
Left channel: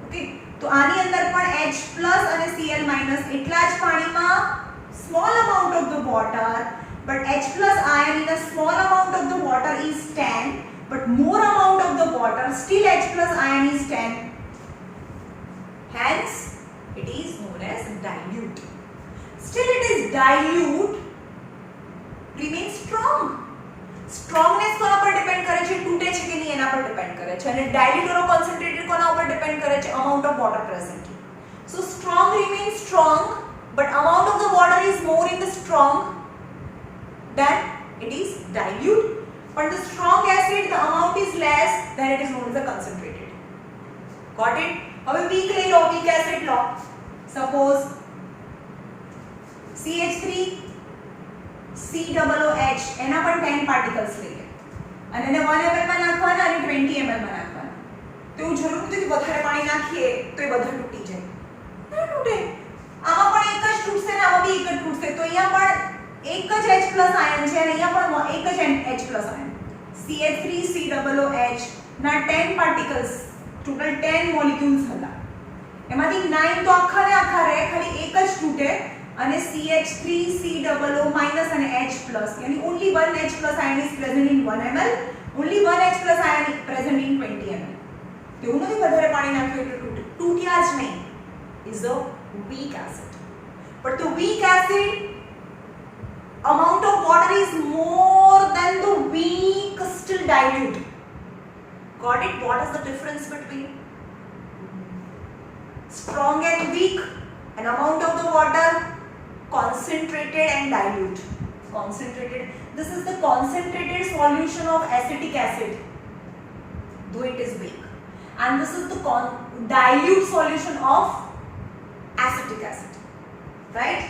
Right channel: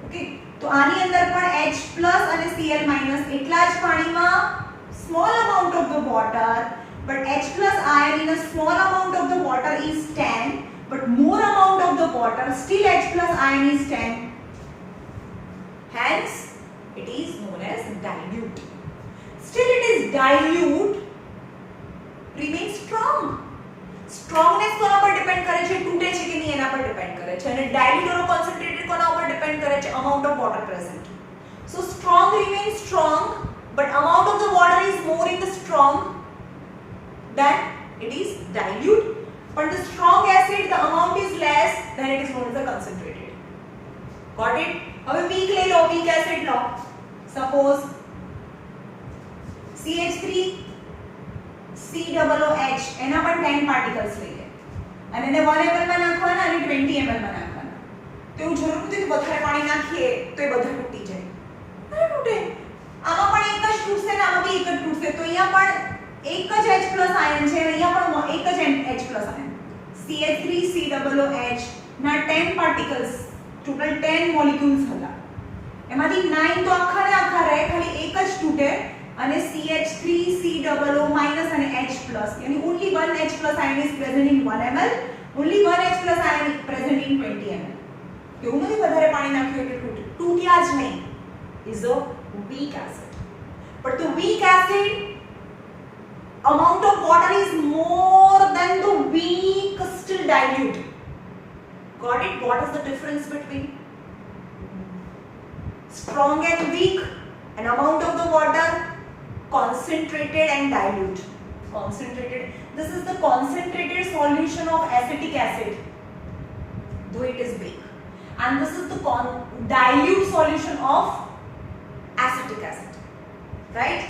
ઓકે, તો આની અંદર પણ H plus અને Cl minus એટલા જ પાણીમાં small amount of the water, but H plus ion in a small amount of the water is 10, but more amount of the water still H plus ion is 10. Hence it is known as dilute. Still it is dilute, remains strong. Strongness કોના પર ડિપેન્ડ કરે છે? તૂટે છે કે નહીં એના પર ડિપેન્ડ કરે છે. અને dilute or concentrated કોના ઉપર ડિપેન્ડ કરે છે? amount of water present. So strong remains strong, but amount of the water is more in the strong than it is dilute. But the strong acid, the amount is less, then it is known as the concentrated. Got it? હવે weak લઈ લો, weak acid લો. Suppose CH3COOH, એના પણ 10 પાર્ટિકલ્સ લઈએ અને એને 1 ml માં નાખવાના અને 20 ml માં નાખવાના. તો એવું જરૂર નથી કે વધારે પાણી નાખીએ તો એ બધા તૂટી જાય. ના તૂટે. આમાં પણ એક જ તૂટશે ને આમાં બી એક જ તૂટશે. તો અહીંયા પણ એક જ H plus આયન છે અને અહીંયા પણ એક જ H plus આયન. CH3COOH ના 10 પાર્ટિકલ્સ, ટોટલ 10 મોલેક્યુલ્સ હતા. એમાંથી 9 તો આખા ને આખા રહે, ખાલી એક જ તૂટે અને CH3COO minus અને H plus, यानी only one H plus ion is present in 1 ml, only one H plus ion is present in 20 ml. એવું નથી વધારે પાણી નાખ્યું એટલે તૂટે, તૂટ્યા જ નહીં. Is a weak acid. But the weak acid amount of water is more than the weak still dilute. Got it? What is the difference between strong and weak? An amount of the water, concentrated and dilute. Concentrated. This is the concentrated solution of acetic acid, though it is weak. And this is the dilute solution of acetic acid, right?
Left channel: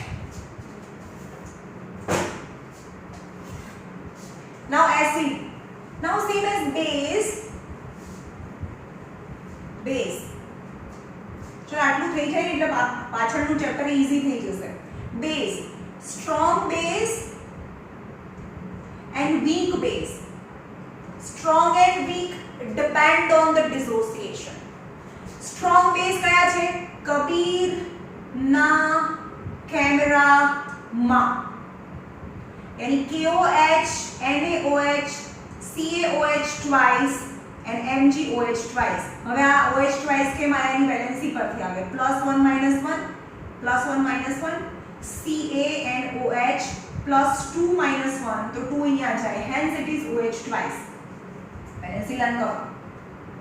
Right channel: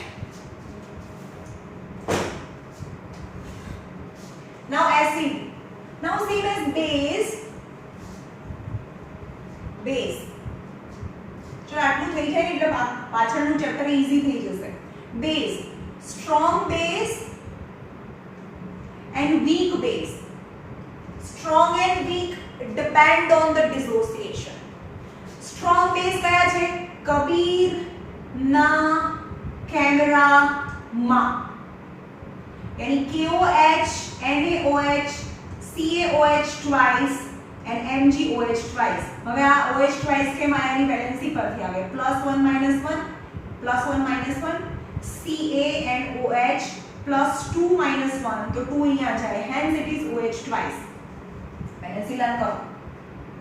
Now acid. Now same as base. Base. चलो आटલું થઈ જાય એટલે પાછળનું chapter easy થઈ જશે. Base. Strong base and weak base. Strong and weak depend on the dissociation. Strong base કયા છે? કબીર ના કેમેરા માં, यानी KOH, NaOH, CaOH twice and MgOH twice. હવે આ OH twice કેમ આયા ની વેલેન્સી પરથી આવે, +1 -1 +1 -1 Ca and OH +2 -1 તો 2 અહીંયા જાય, hence it is OH twice. Valency learn કરો.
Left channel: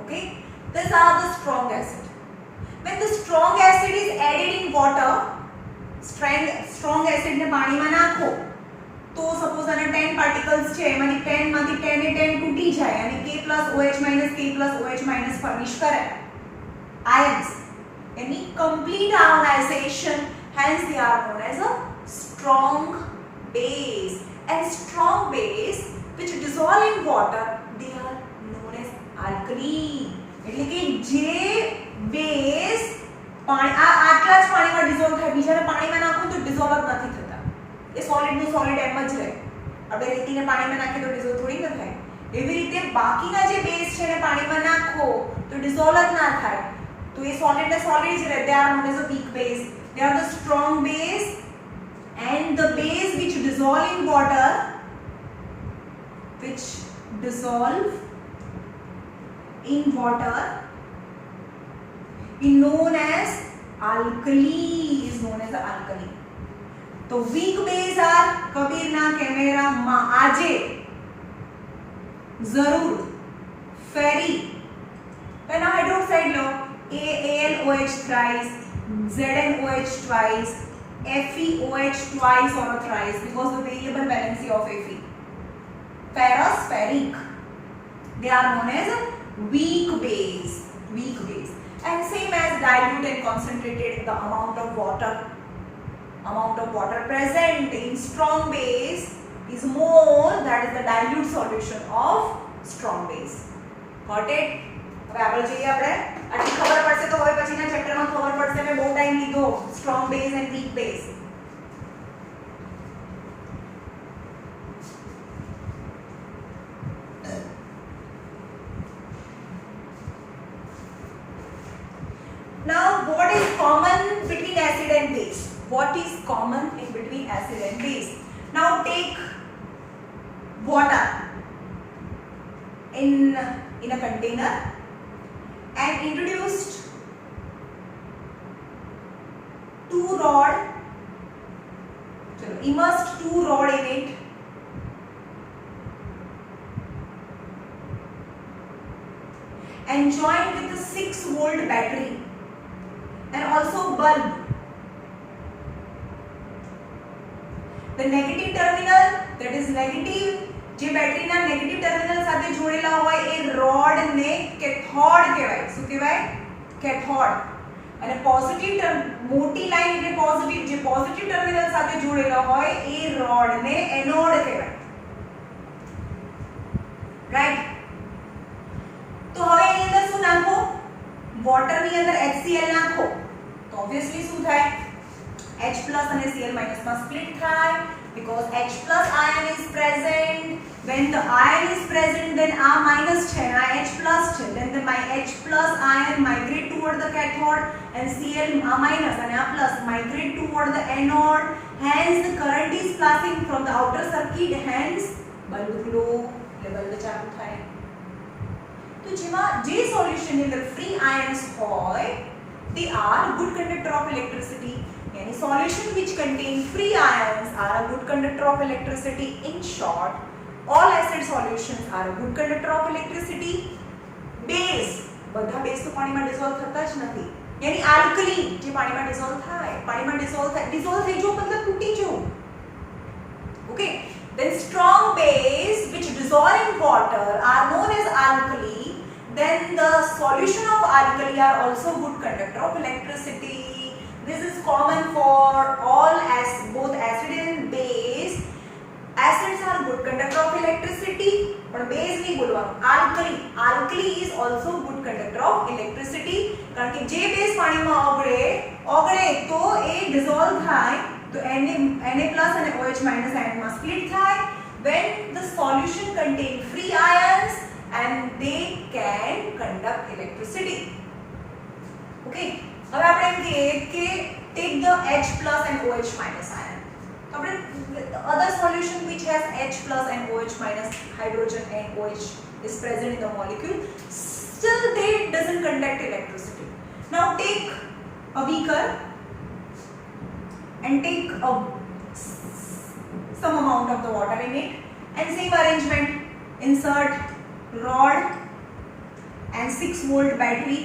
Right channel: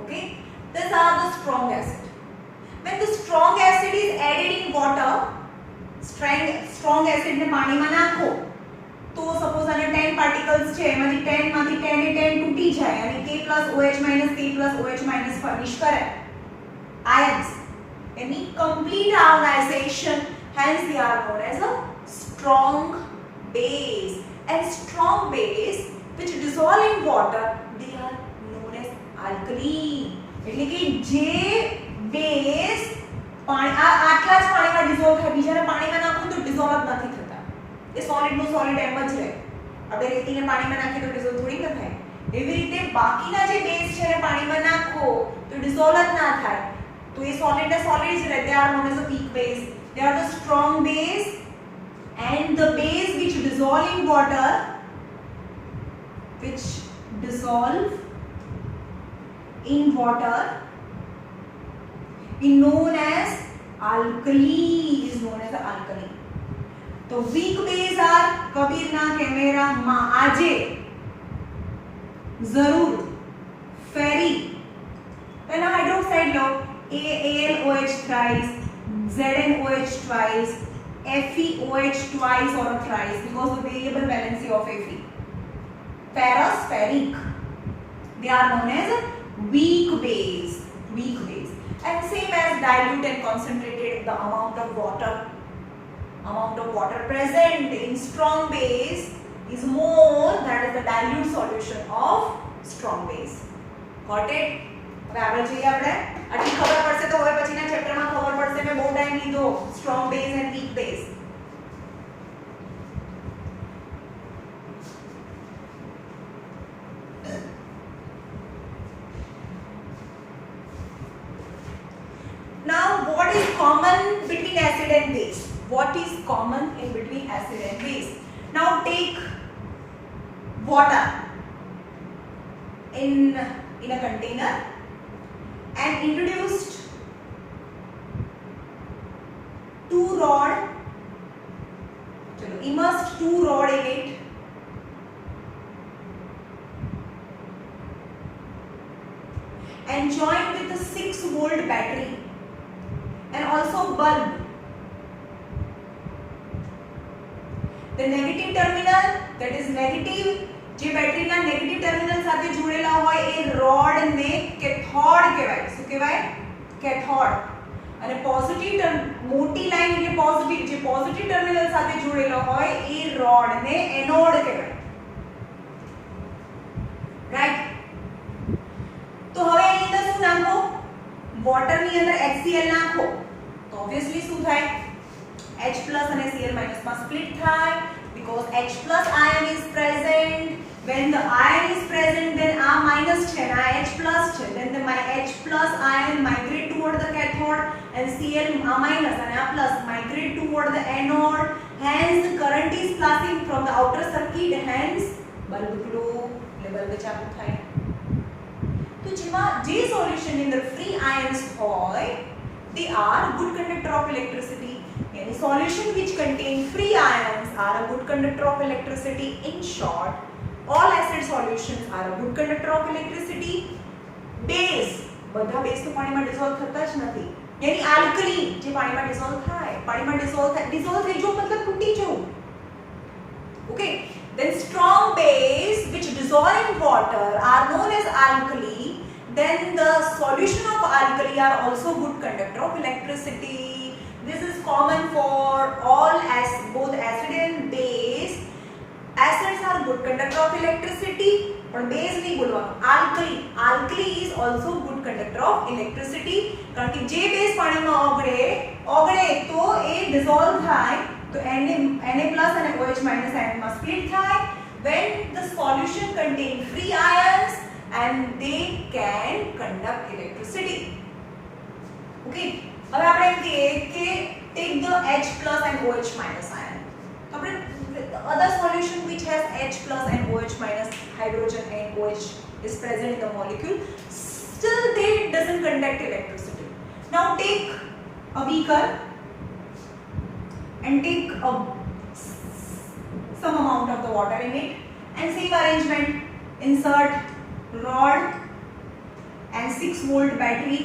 Okay, these are the strong acid. When the strong acid is added in water, strong acid ને પાણીમાં નાખો तो सपोज आने 10 पार्टिकल्स છે, એમાંથી 10 માંથી 10 એ 10 તૂટી જાય અને K + OH - K + OH - ફર્નિશ કરે ions. Any complete ionization, hence they are known as a strong base. And strong base which dissolve in water, they are known as alkaline. એટલે કે જે બેઝ પાણી આટલા જ પાણીમાં ડિસોલ્વ થાય, બીજાને પાણીમાં નાખો તો ડિસોલ્વ નથી થતા. એ સોલિડ નું સોલિડ એમ જ રહે. આપણે રેતીને પાણીમાં નાખીએ તો ડિસોલ્વ થોડી ન થાય. એવી રીતે બાકીના જે બેઝ છે ને પાણીમાં નાખો તો ડિસોલ્વ જ ના થાય. તો એ સોલિડ ને સોલિડ જ રહે. They are known as a weak base. They are the strong base, and the base which dissolve in water, which dissolve in water is known as alkali, is known as the alkali. तो weak base are Kabir ना कैमेरा मां आजे जरूर फेरी ना हाइड्रोक्साइड लो AlOH thrice, ZnOH twice, FeOH twice or thrice because the variable valency of Fe. Ferrous, ferric, they are known as weak base, weak base. And same as dilute and concentrated, the amount of water present in strong base is more, that is the dilute solution of strong base. Got it? હવે આગળ જોઈએ આપણે. આટલી ખબર પડશે તો હવે પછીના ચેપ્ટરમાં ખબર પડશે. મેં બહુ ટાઈમ લીધો strong base and weak base. Now what is common between acid and base? What is common in between acid and base? Now take water in a container and introduced 2 rod, immersed 2 rod in it, and joined with a 6-volt battery and also bulb. The negative terminal, that is negative, જે બેટરીના negative terminal સાથે જોડેલા હોય એ રોડ ને કેથોડ કહેવાય. શું કહેવાય? કેથોડ. અને પોઝિટિવ મોટી લાઈન એટલે પોઝિટિવ, જે પોઝિટિવ ટર્મિનલ સાથે જોડેલા હોય એ રોડ ને એનોડ કહેવાય. રાઈટ? તો હવે એની અંદર શું નાખો? વોટર ની અંદર HCl નાખો તો ઓબ્વિયસલી શું થાય? H+ અને Cl- માં સ્પ્લિટ થાય because H+ ion is present. When the ion is present, then આ minus છે અને આ H+ છે, then the H+ ion migrate toward the cathode and Cl minus and a plus migrate toward the anode. Hence the current is passing from the outer circuit, hence bulb glow, bulb ચાલુ થાય. તો જેમાં જે સોલ્યુશન ની અંદર free ions હોય they are good conductor of electricity. Any solution which contain free ions are a good conductor of electricity. In short, all acid solutions are a good conductor of electricity. Base, બધા બેઝ તો પાણીમાં ડિસોલ્વ થતા જ નથી. यानी alkaline જે પાણીમાં ડિસોલ્વ થાય, પાણીમાં ડિસોલ્વ થઈ જો મતલબ તૂટી જવું. Okay, then strong base which dissolve in water are known as alkali. Then the solution of alkali are also good conductor of electricity. this is common for all as both acid and base. Acids are good conductor of electricity, but base नहीं बोलवानो. Alkali is also good conductor of electricity. कारण कि जे base पानी में ओगळे तो ए dissolve થાય तो Na plus and OH minus ion માં split થાય. When the solution contain free ions and they can conduct electricity. Okay. હવે આપણે એમ કહીએ કે take the H plus and OH minus ion. આપણે the other solution which has H plus and OH minus, hydrogen and OH is present in the molecule, still they doesn't conduct electricity. Now take a beaker and take some amount of the water in it, and same arrangement, insert rod and 6 volt battery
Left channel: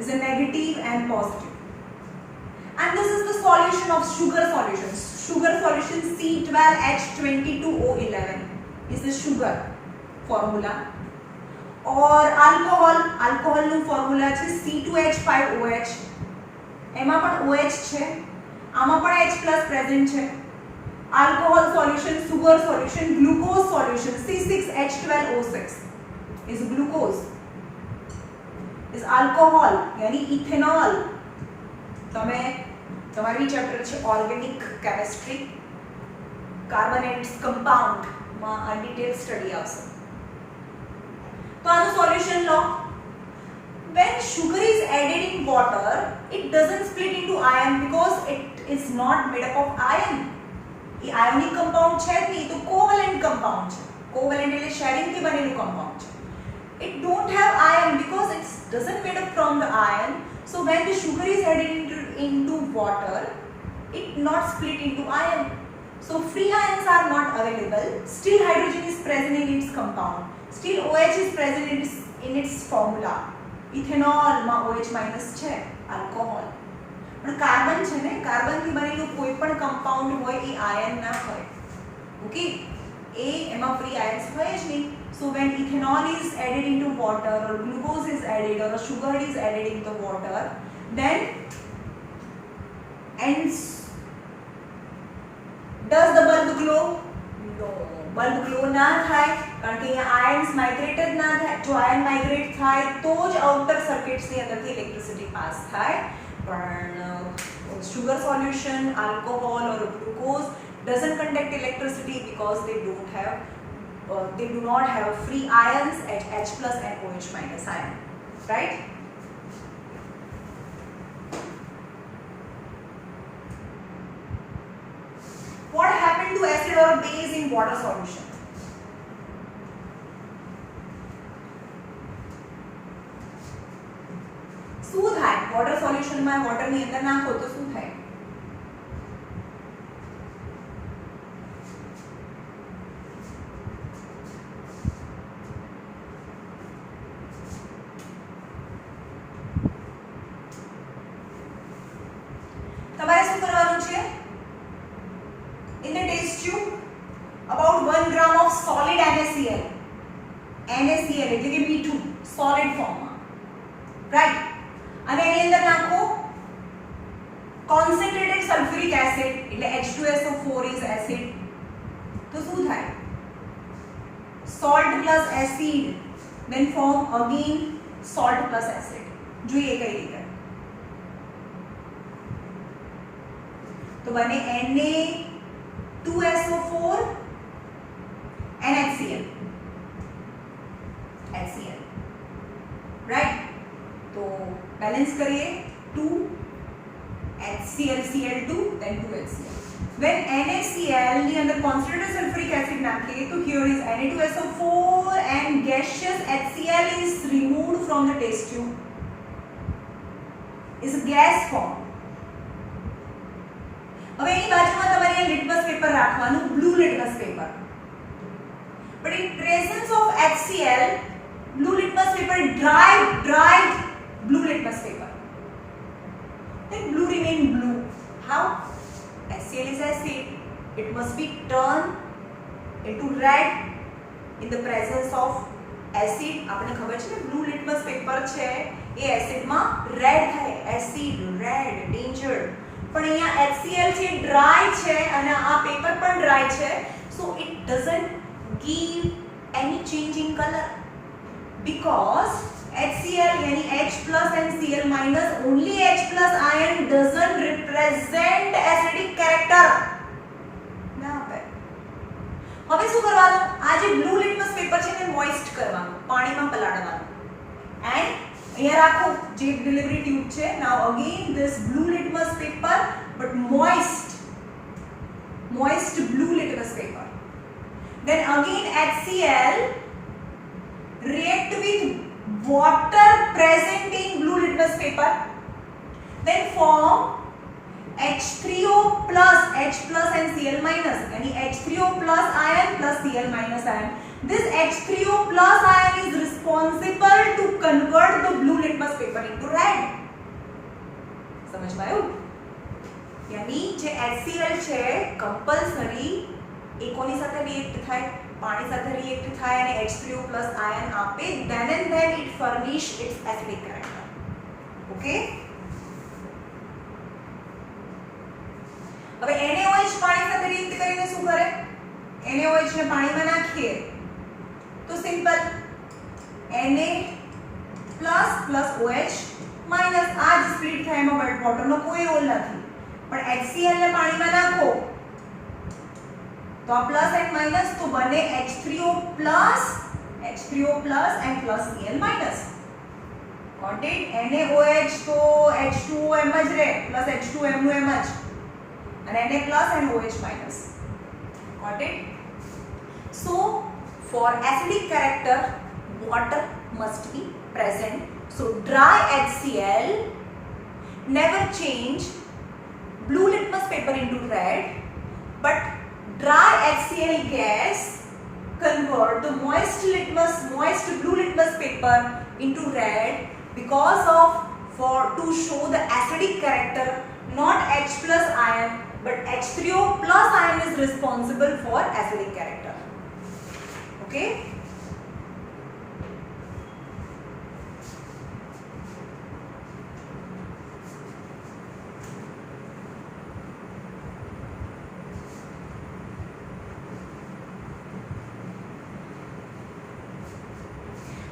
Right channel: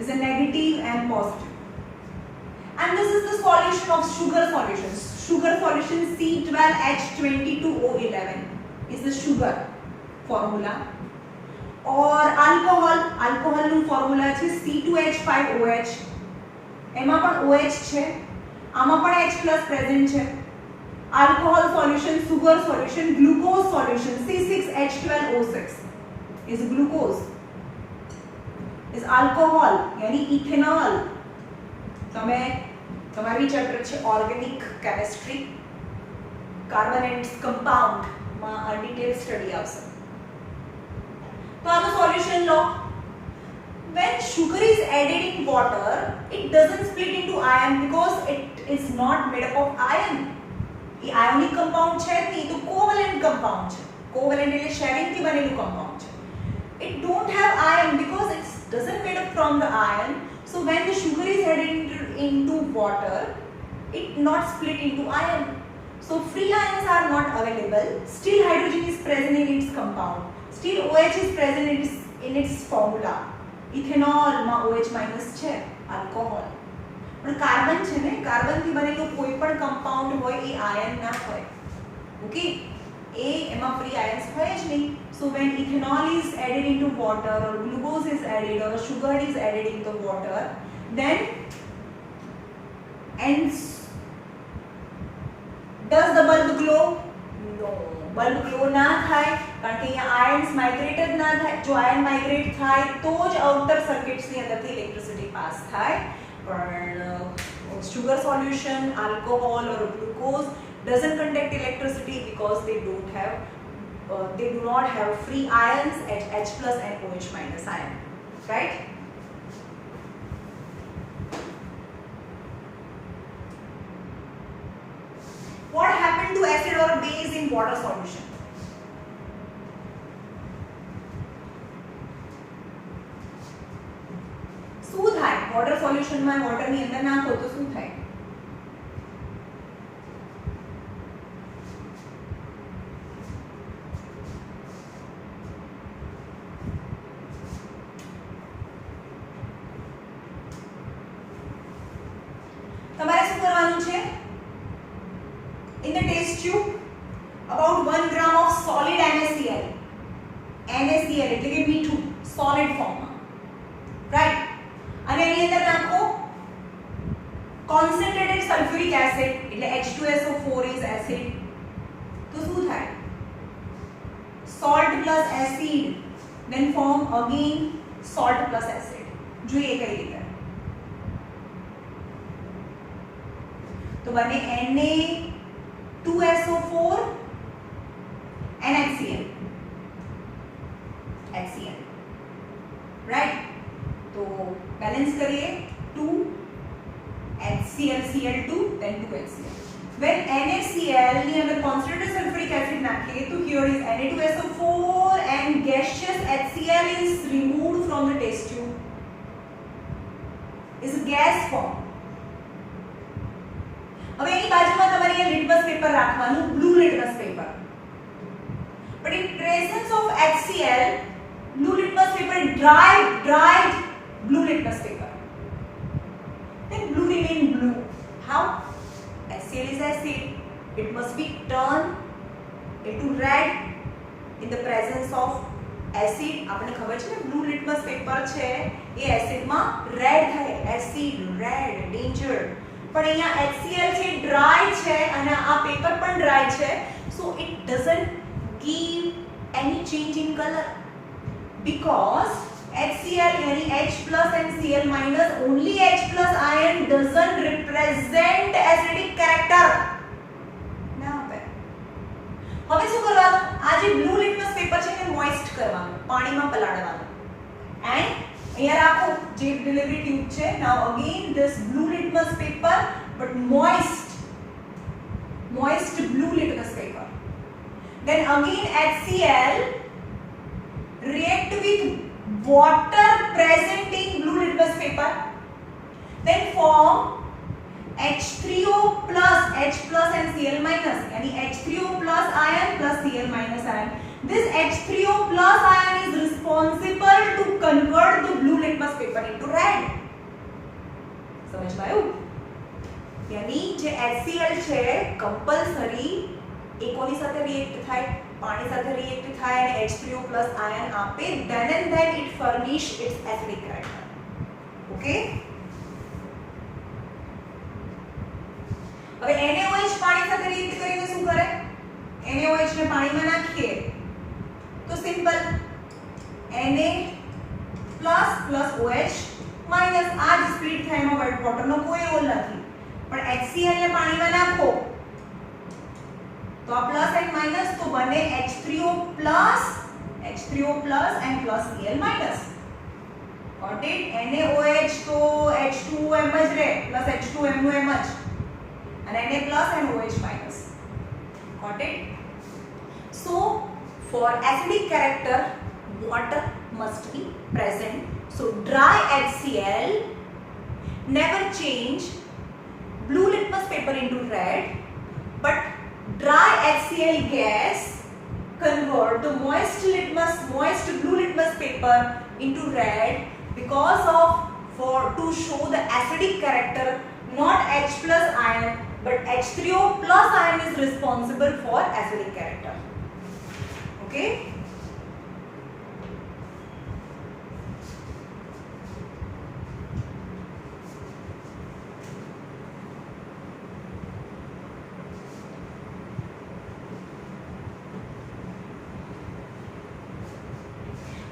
is a negative and positive. And this is the solution of sugar solutions. Sugar solution C12H22O11 is the sugar formula. Or alcohol નું formula છે C2H5OH. એમાં પણ OH છે, આમાં પણ H plus present છે. Alcohol solution, sugar solution, glucose solution C6H12O6 is glucose. Is alcohol यानी ethanol. તમારી ચેપ્ટર છે ઓર્ગેનિક કેમિસ્ટ્રી, કાર્બોનેટ્સ કમ્પાઉન્ડ માં આ ડિટેલ સ્ટડી આવશે. તો આનું સોલ્યુશન લો. When sugar is added in water, it doesn't split into ion because it is not made up of iron. A ionic compound છે નહીં, તો covalent compound છે. Covalent એટલે sharing થી બનેલું compound છે. It don't have iron because it doesn't made up from the iron. So when the sugar is added into water, it not split into iron. So free ions are not available. Still hydrogen is present in its compound. Still OH is present in its formula. Ethanol માં OH minus છે, alcohol. પણ કાર્બન છે ને, કાર્બન થી બનેલું કોઈ પણ compound હોય એ ion ના હોય. Okay? એમાં free ions હોય જ નહીં. So when ethanol is added into water, or glucose is added, or sugar is added into water, then does the bulb glow? No, bulb glow ના થાય કારણ કે અહીંયા ions migrate જ ના થાય. જો ion migrate થાય તો જ outer circuits ની અંદરથી electricity pass થાય. પણ sugar solution, alcohol or glucose doesn't conduct electricity because they do not have free ions at H plus and OH minus ion, right? What happened to acid or base in water solution? શું થાય? water solution માં water ની અંદર નાખો તો શું થાય? તમારે શું કરવાનું છે? In the test tube about 1 gram of solid NaCl એટલે કે મીઠું solid form માં, right? અને એની અંદર નાખો concentrated sulfuric acid એટલે H2SO4 is acid. તો શું થાય? salt plus acid then form again salt plus acid. જોઈએ કઈ રીતે. તો બને Na2SO4 and HCl, right? तो बैलेंस करिए 2 HCl then 2 HCl. When NaCl ની અંદર concentrated sulfuric acid નાખીએ તો here is Na2SO4 and gaseous HCl is removed from the test tube. Is a gas form. હવે એની બાજુમાં તમારે લિટમસ પેપર રાખવાનું, blue litmus paper. But in presence of HCl, blue litmus paper dried blue litmus paper. Then blue remain blue. How? HCl is acid. It must be turned into red in the presence of acid. આપણે ખબર છે ને blue litmus paper છે એ એસિડમાં રેડ થાય, acid red danger. પણ અહીંયા HCl છે ડ્રાય છે અને આ પેપર પણ ડ્રાય છે, so it doesn't give any change in color because HCl यानी H plus and Cl minus only H plus ion doesn't represent acidic character. ના હવે શું કરવાનું, આ જે બ્લુ લિટમસ પેપર છે એને મોઇસ્ટ કરવાનું, પાણીમાં પલાળવાનું. એન્ડ અહીંયા રાખો જે ડિલિવરી ટ્યુબ છે. Now again this blue litmus paper but moist blue litmus paper. Then again HCl react with water present in blue litmus paper, then form H3O plus H plus and Cl minus, यानी H3O plus ion plus Cl minus ion. This H3O plus ion is responsible to convert the blue litmus paper into red. समझ में आयो? यानी जे HCl છે कंपल्सरी એકોની સાથે રિએક્ટ થાય, પાણી સાથે રિએક્ટ થાય અને H3O plus ion આપે, then and then it furnish its acidic character. Okay? હવે NaOH પાણી સાથે રિએક્ટ કરીને શું કરે? NaOH ને પાણીમાં નાખીએ તો simple Na plus OH minus આ જ સ્પ્લિટ થાય, એમાં વોટરનો કોઈ રોલ નથી. પણ HCl ને પાણીમાં નાખો तो प्लस एंड माइनस तो बने H3O plus and plus Cl minus. Got it? NaOH तो H2O एम જ રહે plus H2M નું એમ જ અને Na plus and OH minus. Got it? So for acidic character water must be present. So dry HCl never change blue litmus paper into red, but dry HCl gas convert the moist blue litmus paper into red because of to show the acidic character. Not H plus ion but H3O plus ion is responsible for acidic character. Okay?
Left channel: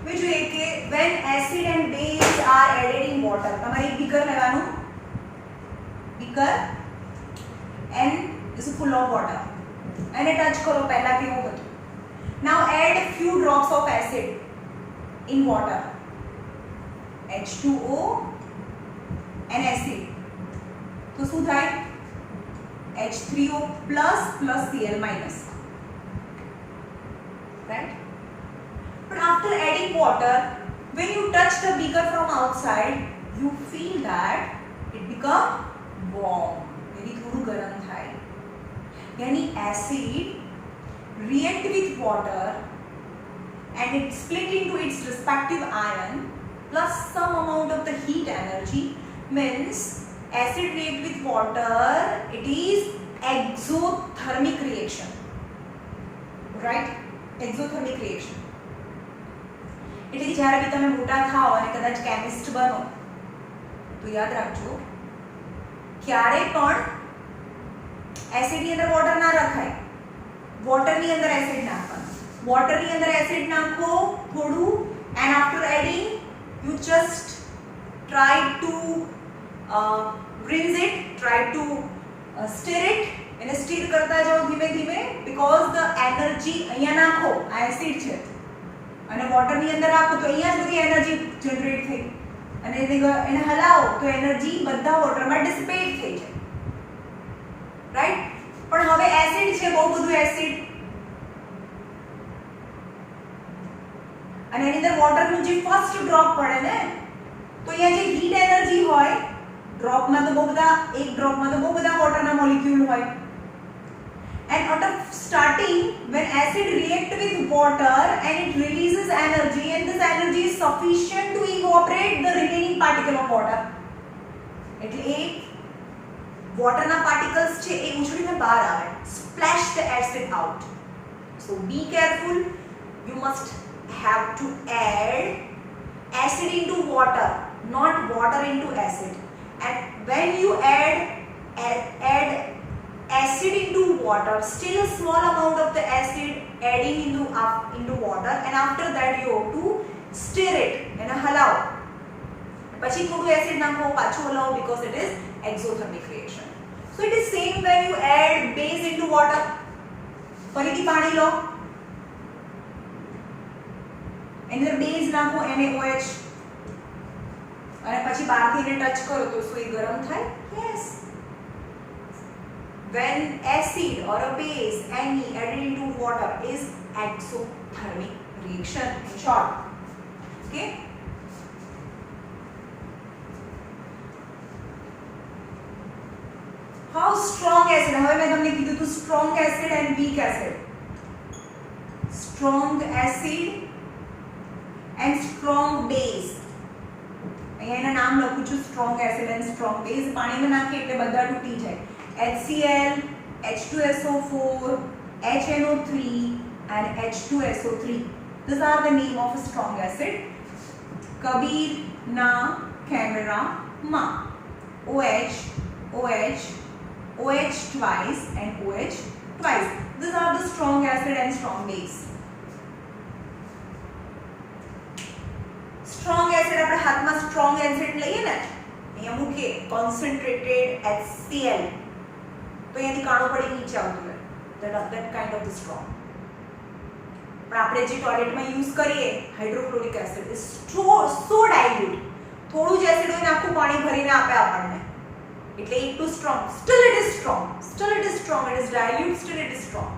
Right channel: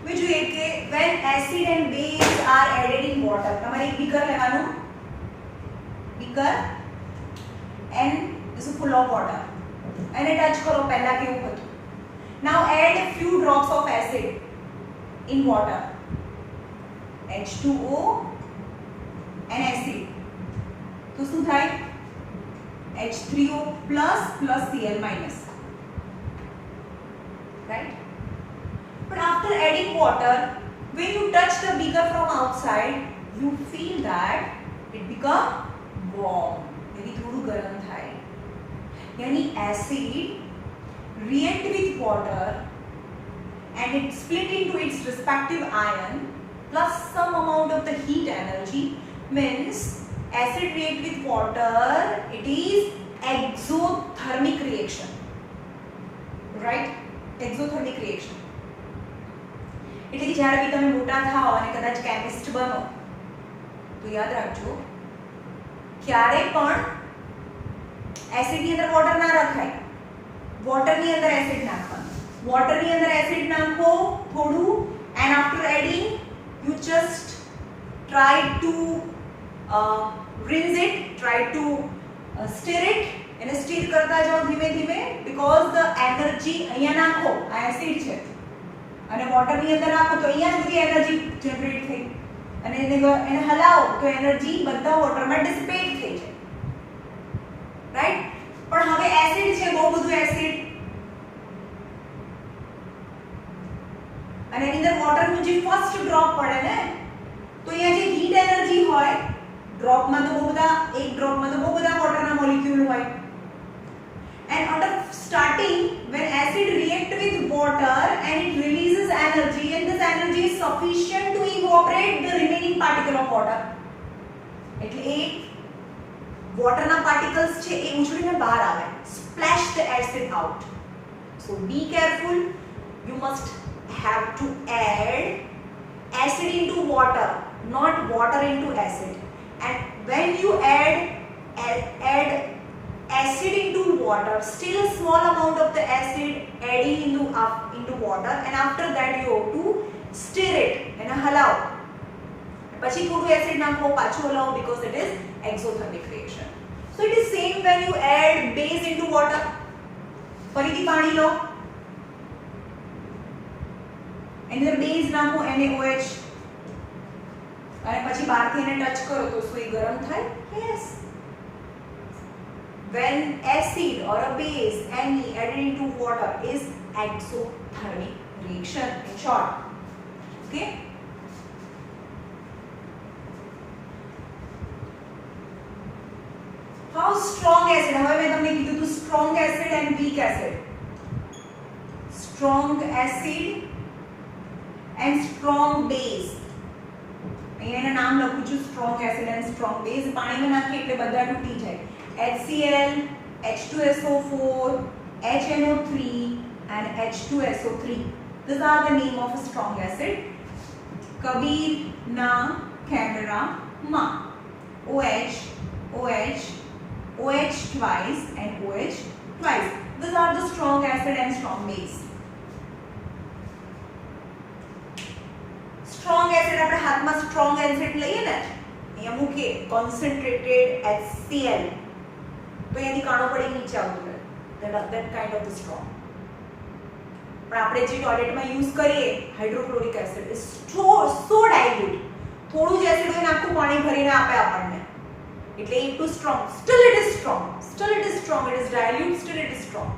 બીજું એક કે when acid and base are added in water, તમારે એક બીકર લેવાનું, beaker and this is full of water, એને ટચ કરો પહેલા કેવું હતું. now add a few drops of acid in water, H2O and acid, તો શું થાય? H3O plus Cl minus, right? But after adding water, when you touch the beaker from outside, you feel that it become warm. यानी थोड़ू गरम થાય. यानी acid react with water and it split into its respective ion plus some amount of the heat energy, means acid react with water, it is exothermic reaction, right? Exothermic reaction. એટલે જ્યારે બી તમે મોટા થાઓ અને કદાચ કેમિસ્ટ બનો તો યાદ રાખજો ક્યારે પણ એસિડની અંદર વોટર ના રખાય, વોટરની અંદર એસિડ નાખવાનું, વોટરની અંદર એસિડ નાખો થોડું and after adding you just try to rinse it, try to stir it, એને સ્ટીર કરતા જાઓ ધીમે ધીમે because the energy અહીંયા નાખો, આ એસિડ છે અને વોટરની અંદર રાખો તો અહીંયા જ બધી એનર્જી જનરેટ થઈ અને એને હલાવો તો એનર્જી બધા વોટરમાં ડિસિપેટ થઈ જાય, રાઈટ? પણ હવે એસિડ છે, બહુ બધું એસિડ અને એની અંદર વોટરનું જે ફર્સ્ટ ડ્રોપ પડે ને તો અહીંયા જે હીટ એનર્જી હોય ડ્રોપમાં તો બહુ બધા, એક ડ્રોપમાં તો બહુ બધા વોટરના મોલિક્યુલ હોય. And at the starting, when acid react with water and it releases energy, and this energy is sufficient to evaporate the remaining particle of water. એટલે એ વોટરના પાર્ટિકલ્સ છે એ ઉછળીને બહાર આવે, splash the acid out. So be careful, you must have to add acid into water not water into acid. And when you add acid into water, still a small amount of the acid adding into water, and after that you have to stir it and हलाओ. પછી થોડું એસિડ નાખો, પાછું હલાવો, because it is exothermic reaction. So it is same when you add base into water. ફરીથી પાણી લો, અંદર બેઝ નાખો NaOH, અને પછી બહારથી એને ટચ કરો તો શું એ ગરમ થાય? Yes. When acid or a base any added into water is exothermic reaction in short. Okay. How strong acid? હવે મેં તમને કીધું હતું strong acid and weak acid. Strong acid and strong base. અહીંયા એના નામ લખું છું, strong acid and strong base. પાણીમાં નાખીએ એટલે બધા તૂટી જાય. HCl, H2SO4, HNO3 and H2SO3. These are the name of a strong acid. Kabir na camera ma. OH, OH, OH twice and OH twice. These are the strong acid and strong base. Strong acid આપણે હાથમાં strong acid લઈએ ને, અહીંયા મૂકીએ concentrated HCl, તો અહીંયાથી કાણો પડી નીચે આવતું રહે. that kind of the strong. પણ આપણે જે ટોયલેટમાં યુઝ કરીએ hydrochloric acid is so dilute. થોડું જ એસિડ હોય ને આખું પાણી ભરીને આપે આપણને, એટલે it too strong. Still it is strong. It is dilute, still it is strong.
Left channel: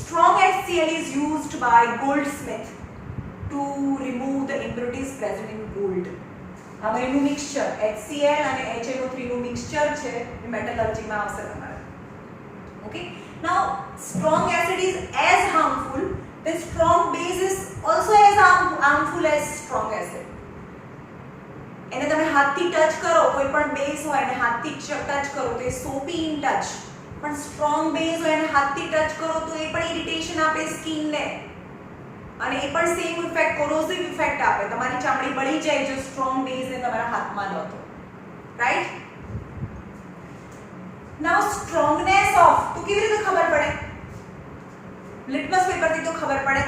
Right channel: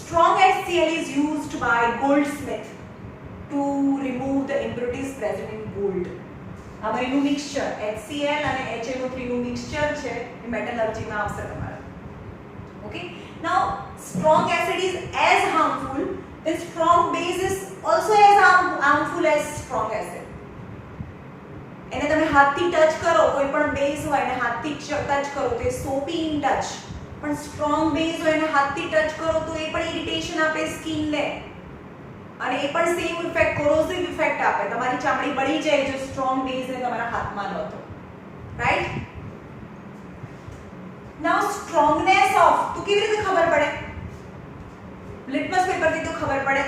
Strong HCl is used by goldsmith to remove the impurities present in gold. આમાં એનું મિક્સચર HCl અને HNO3 નું મિક્સચર છે, એ મેટલર્જીમાં આવશે તમારે. Okay. Now strong acid is as harmful, then strong base is also as harmful as strong acid. એને તમે હાથથી ટચ કરો, કોઈ પણ બેઝ હોય એને હાથથી ટચ કરો તો એ સોપી ઇન ટચ, પણ સ્ટ્રોંગ બેઝ હોય એને હાથથી ટચ કરો તો એ પણ ઇરિટેશન આપે સ્કિનને, અને એ પણ સેમ ઇફેક્ટ, કોરોસિવ ઇફેક્ટ આપે, તમારી ચામડી બળી જાય જો સ્ટ્રોંગ બેઝને તમારા હાથમાં લો તો, રાઈટ? નાઉ સ્ટ્રોંગનેસ ઓફ તો કેવી રીતે ખબર પડે? લિટમસ પેપરથી તો ખબર પડે.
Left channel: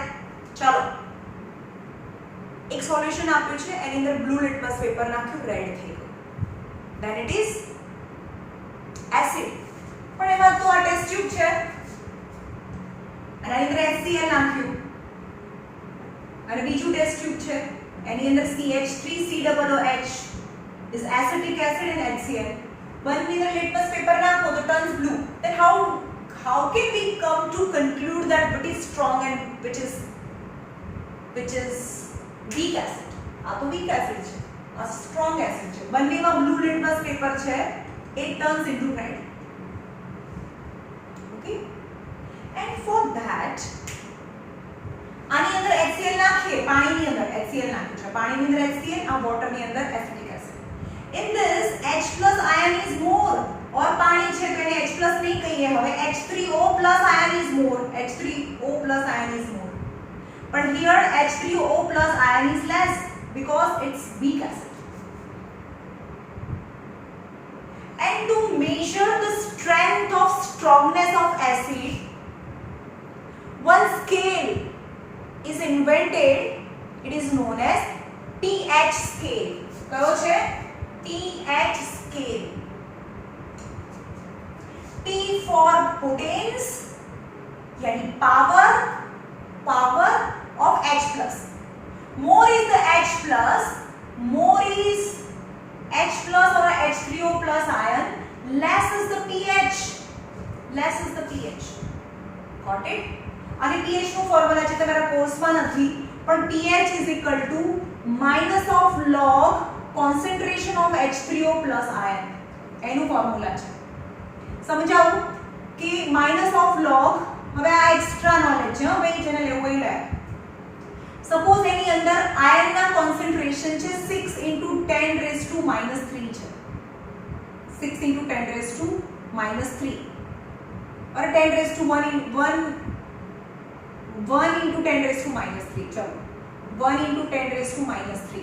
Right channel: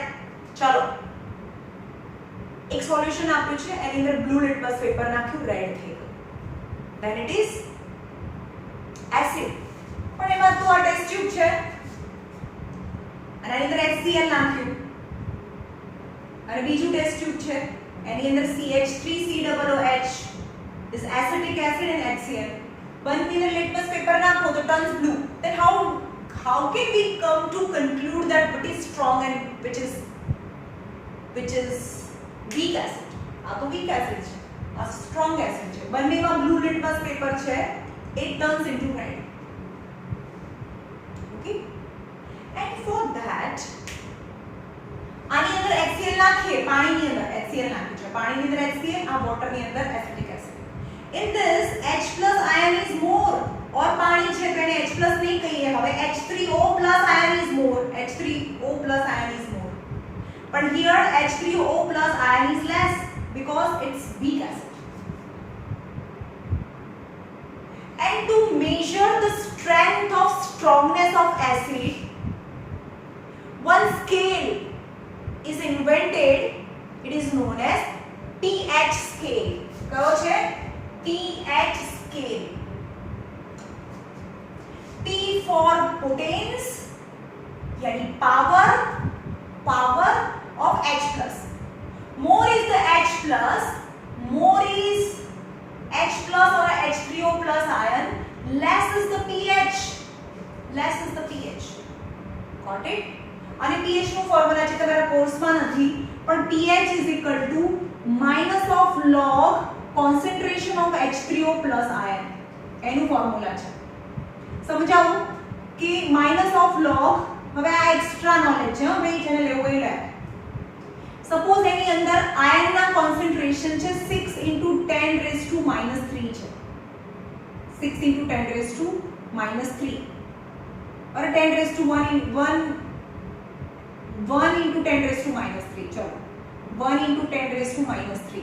ચાલો, એક સોલ્યુશન આપ્યું છે, એની અંદર બ્લુ લિટમસ પેપર નાખ્યું, રેડ થઈ ગયું, ધેન ઇટ ઇઝ એસિડ. પણ એમાં તો આ ટેસ્ટ ટ્યુબ છે, અને એની અંદર HCl નાખ્યું, અને બીજું ટેસ્ટ ટ્યુબ છે, એની અંદર CH3COOH is acetic acid and HCl. બંનેની અંદર લિટમસ પેપર નાખો તો turns blue. Then how can we come to conclude that what is strong and which is weak acid? આ તો weak acid છે, આ strong acid છે. બંનેમાં બ્લુ લિટમસ પેપર છે, it turns into red. Okay, and for that આની અંદર HCl નાખીએ, પાણીની અંદર HCl નાખ્યું છે, પાણીની અંદર HCl, આ વોટરની અંદર acetic acid. In this H plus ion is more, और पानी છે તો એને H plus નહીં કહીએ, હવે H3O plus ion is more, H3O plus ion is more. But here H3O plus ion is less because it's weak acid. And to measure the strength of strongness of acid, one scale is invented. It is known as pH scale. કયો છે? pH scale. P for potence, yani power of H plus. More is the H plus, more is H plus or H3O plus ion, less is the pH. Got it? અને pH નો ફોર્મ્યુલા છે તમારા કોર્સમાં નથી, પણ pH is equal to minus of log concentration of H3O plus ion. એનું ફોર્મ્યુલા છે. સમજાવું કે માઇનસ ઓફ લોગ, હવે આ એક્સ્ટ્રા નોલેજ છે, હવે જેને લેવું એ લે. સપોઝ એની અંદર આયનના કોન્સન્ટ્રેશન છે 6 × 10⁻³ છે, 6 × 10⁻³ और 10⁻1 × 10⁻³ ચલો 1 × 10⁻³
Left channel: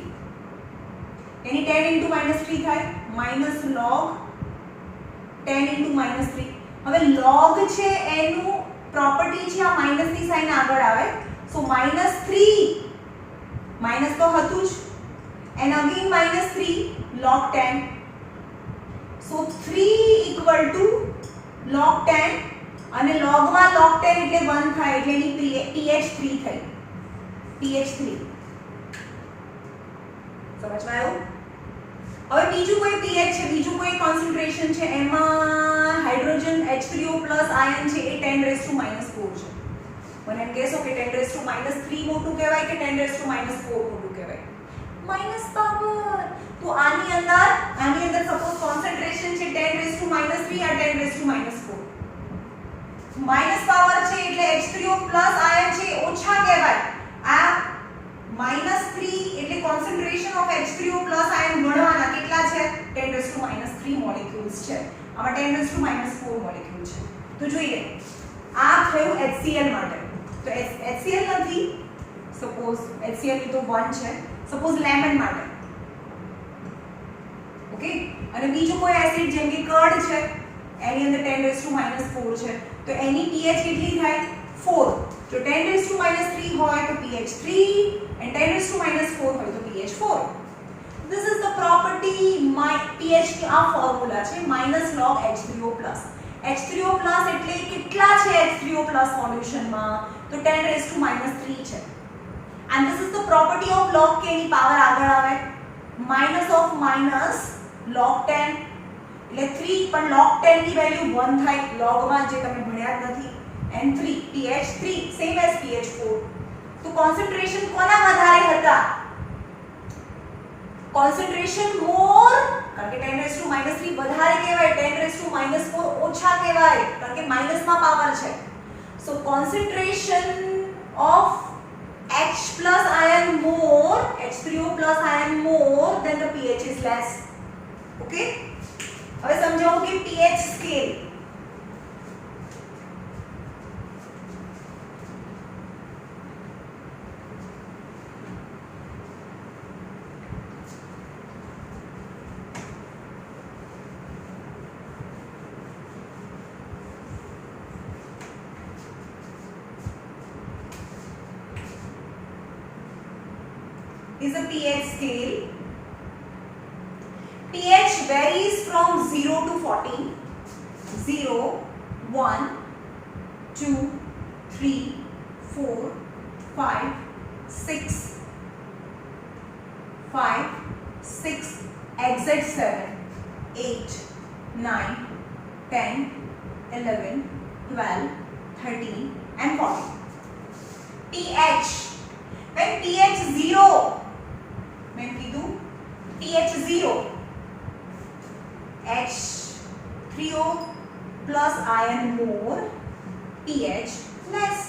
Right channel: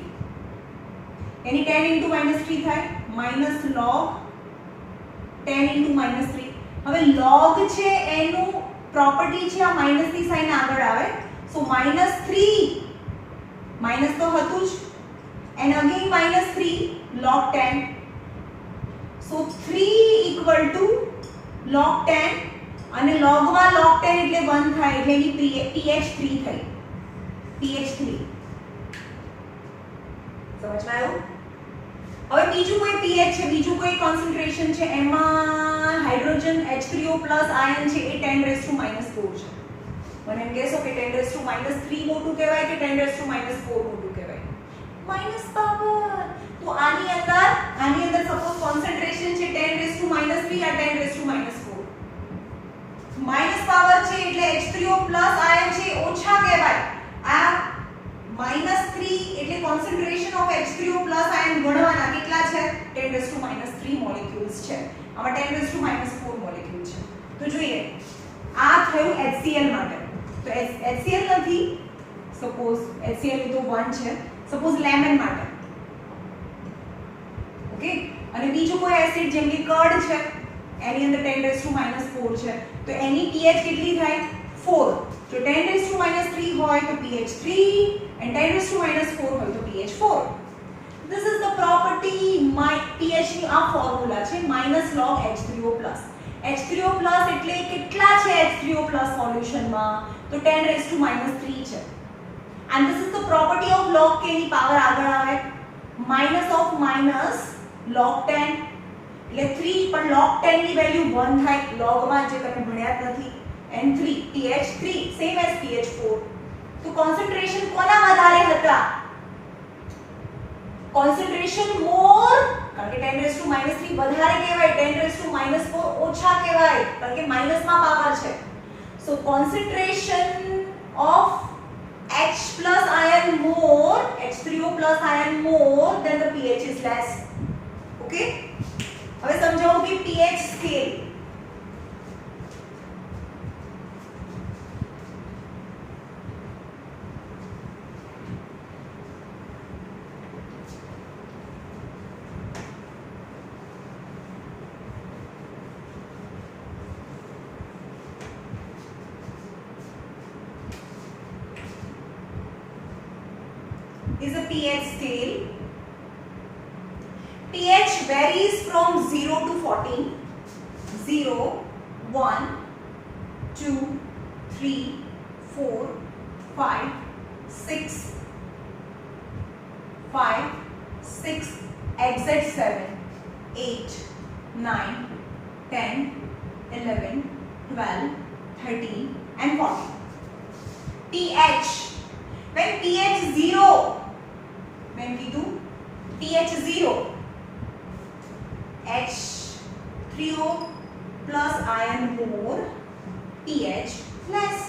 यानी 10 into -3 થાય માઇનસ log 10 into -3. હવે log છે એનું પ્રોપર્ટી છે આ માઇનસ ની સાઇન આગળ આવે, સો -3 માઇનસ તો હતું જ and again -3 log 10, so 3 equal to log 10 અને log માં log 10 એટલે 1 થાય એટલે એની pH3 થઈ, pH3 સમજમાં આવ્યું? હવે બીજું કોઈ pH છે, બીજું કોઈ કોન્સન્ટ્રેશન છે એમાં હાઇડ્રોજન H3O+ આયન છે એ 10⁻⁻4 છે. મને એમ કહેશો કે 10⁻³ મોટું કહેવાય કે 10⁻⁴ મોટું કહેવાય? Minus power. તો આની અંદર સપોઝ કોન્સન્ટ્રેશન છે 10⁻³ આ 10⁻⁴. માઇનસ પાવર છે એટલે H3O+ આયન છે ઓછા કહેવાય. આ -3 એટલે કોન્સન્ટ્રેશન ઓફ H3O+ આયન ગણવાના કેટલા છે? 10⁻³ મોલેક્યુલ્સ છે. આમાં 10⁻⁴ મોલેક્યુલ છે. તો જોઈએ આ થયું HCl માટે. તો HCl નથી, સપોઝ HCl તો 1 છે, સપોઝ લેમન માટે. ઓકે, અને બીજું કોઈ એસિડ જેમ કે કર્ડ છે એની અંદર 10⁻⁴ છે, તો એની pH કેટલી થાય? 4. જો 10⁻³ હોય તો pH 3 and 10⁻⁴ હોય તો pH 4. This is the property pH ની આ ફોર્મ્યુલા છે -log H3O+. H3O+ એટલે કેટલા છે H3O+ સોલ્યુશનમાં? તો 10⁻³ છે. and this is the property of log k ની પાવર આગળ આવે minus of minus log 10 એટલે 3 પણ log 10 ની વેલ્યુ 1 થાય log માં જે તમે ભણ્યા જ નથી, and 3 pH 3 same as pH 4. તો કોન્સન્ટ્રેશન કોના વધારે હતા? કોન્સન્ટ્રેશન મોર, કારણ કે 10⁻³ વધારે કહેવાય, 10⁻⁴ ઓછા કહેવાય કારણ કે માઈનસ માં પાવર છે. So concentration of H plus ion more, H3O+ ion more than the pH is less. Okay? હવે સમજાવો કે pH scale. Is a pH scale. pH varies from 0 to 14. 0, 1, 2, 3, 4, 5, 6, exit 7, 8, 9, 10, 11, 12, 13 and 14. pH. When pH 0, when we do pH 0, H3O+ ion more, pH less.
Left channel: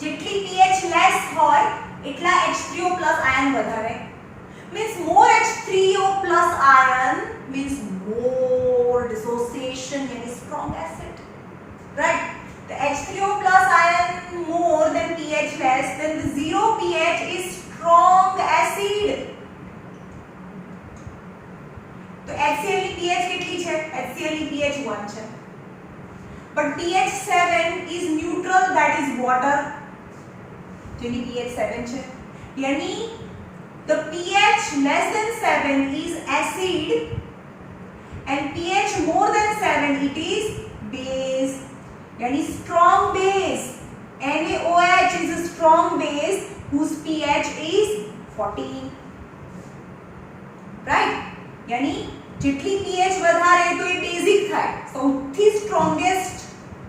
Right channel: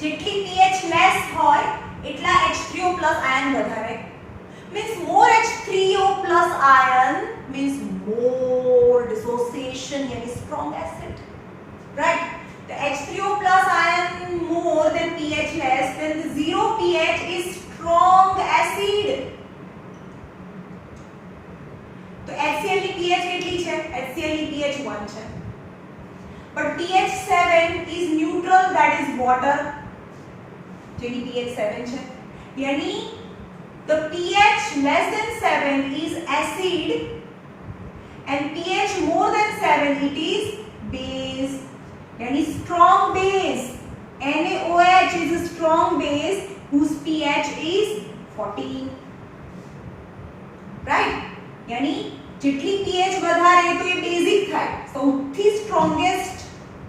જેટલી pH less હોય એટલા H3O+ ion વધારે. Means more H3O+ ion means more dissociation, yani strong acid. Right? The H3O+ ion more than pH less, then the 0 pH is strong acid. तो HCl ની pH કેટલી છે? HCl ની pH 1 છે. But pH 7 is neutral, that is water. જેની pH 7 છે. यानी the pH less than 7 is acid and pH more than 7 it is base. यानी strong base. NaOH is a strong base whose pH is 14. Right? यानी જેટલી pH વધારે તો એ બેઝિક થાય. સૌથી સ્ટ્રોંગેસ્ટ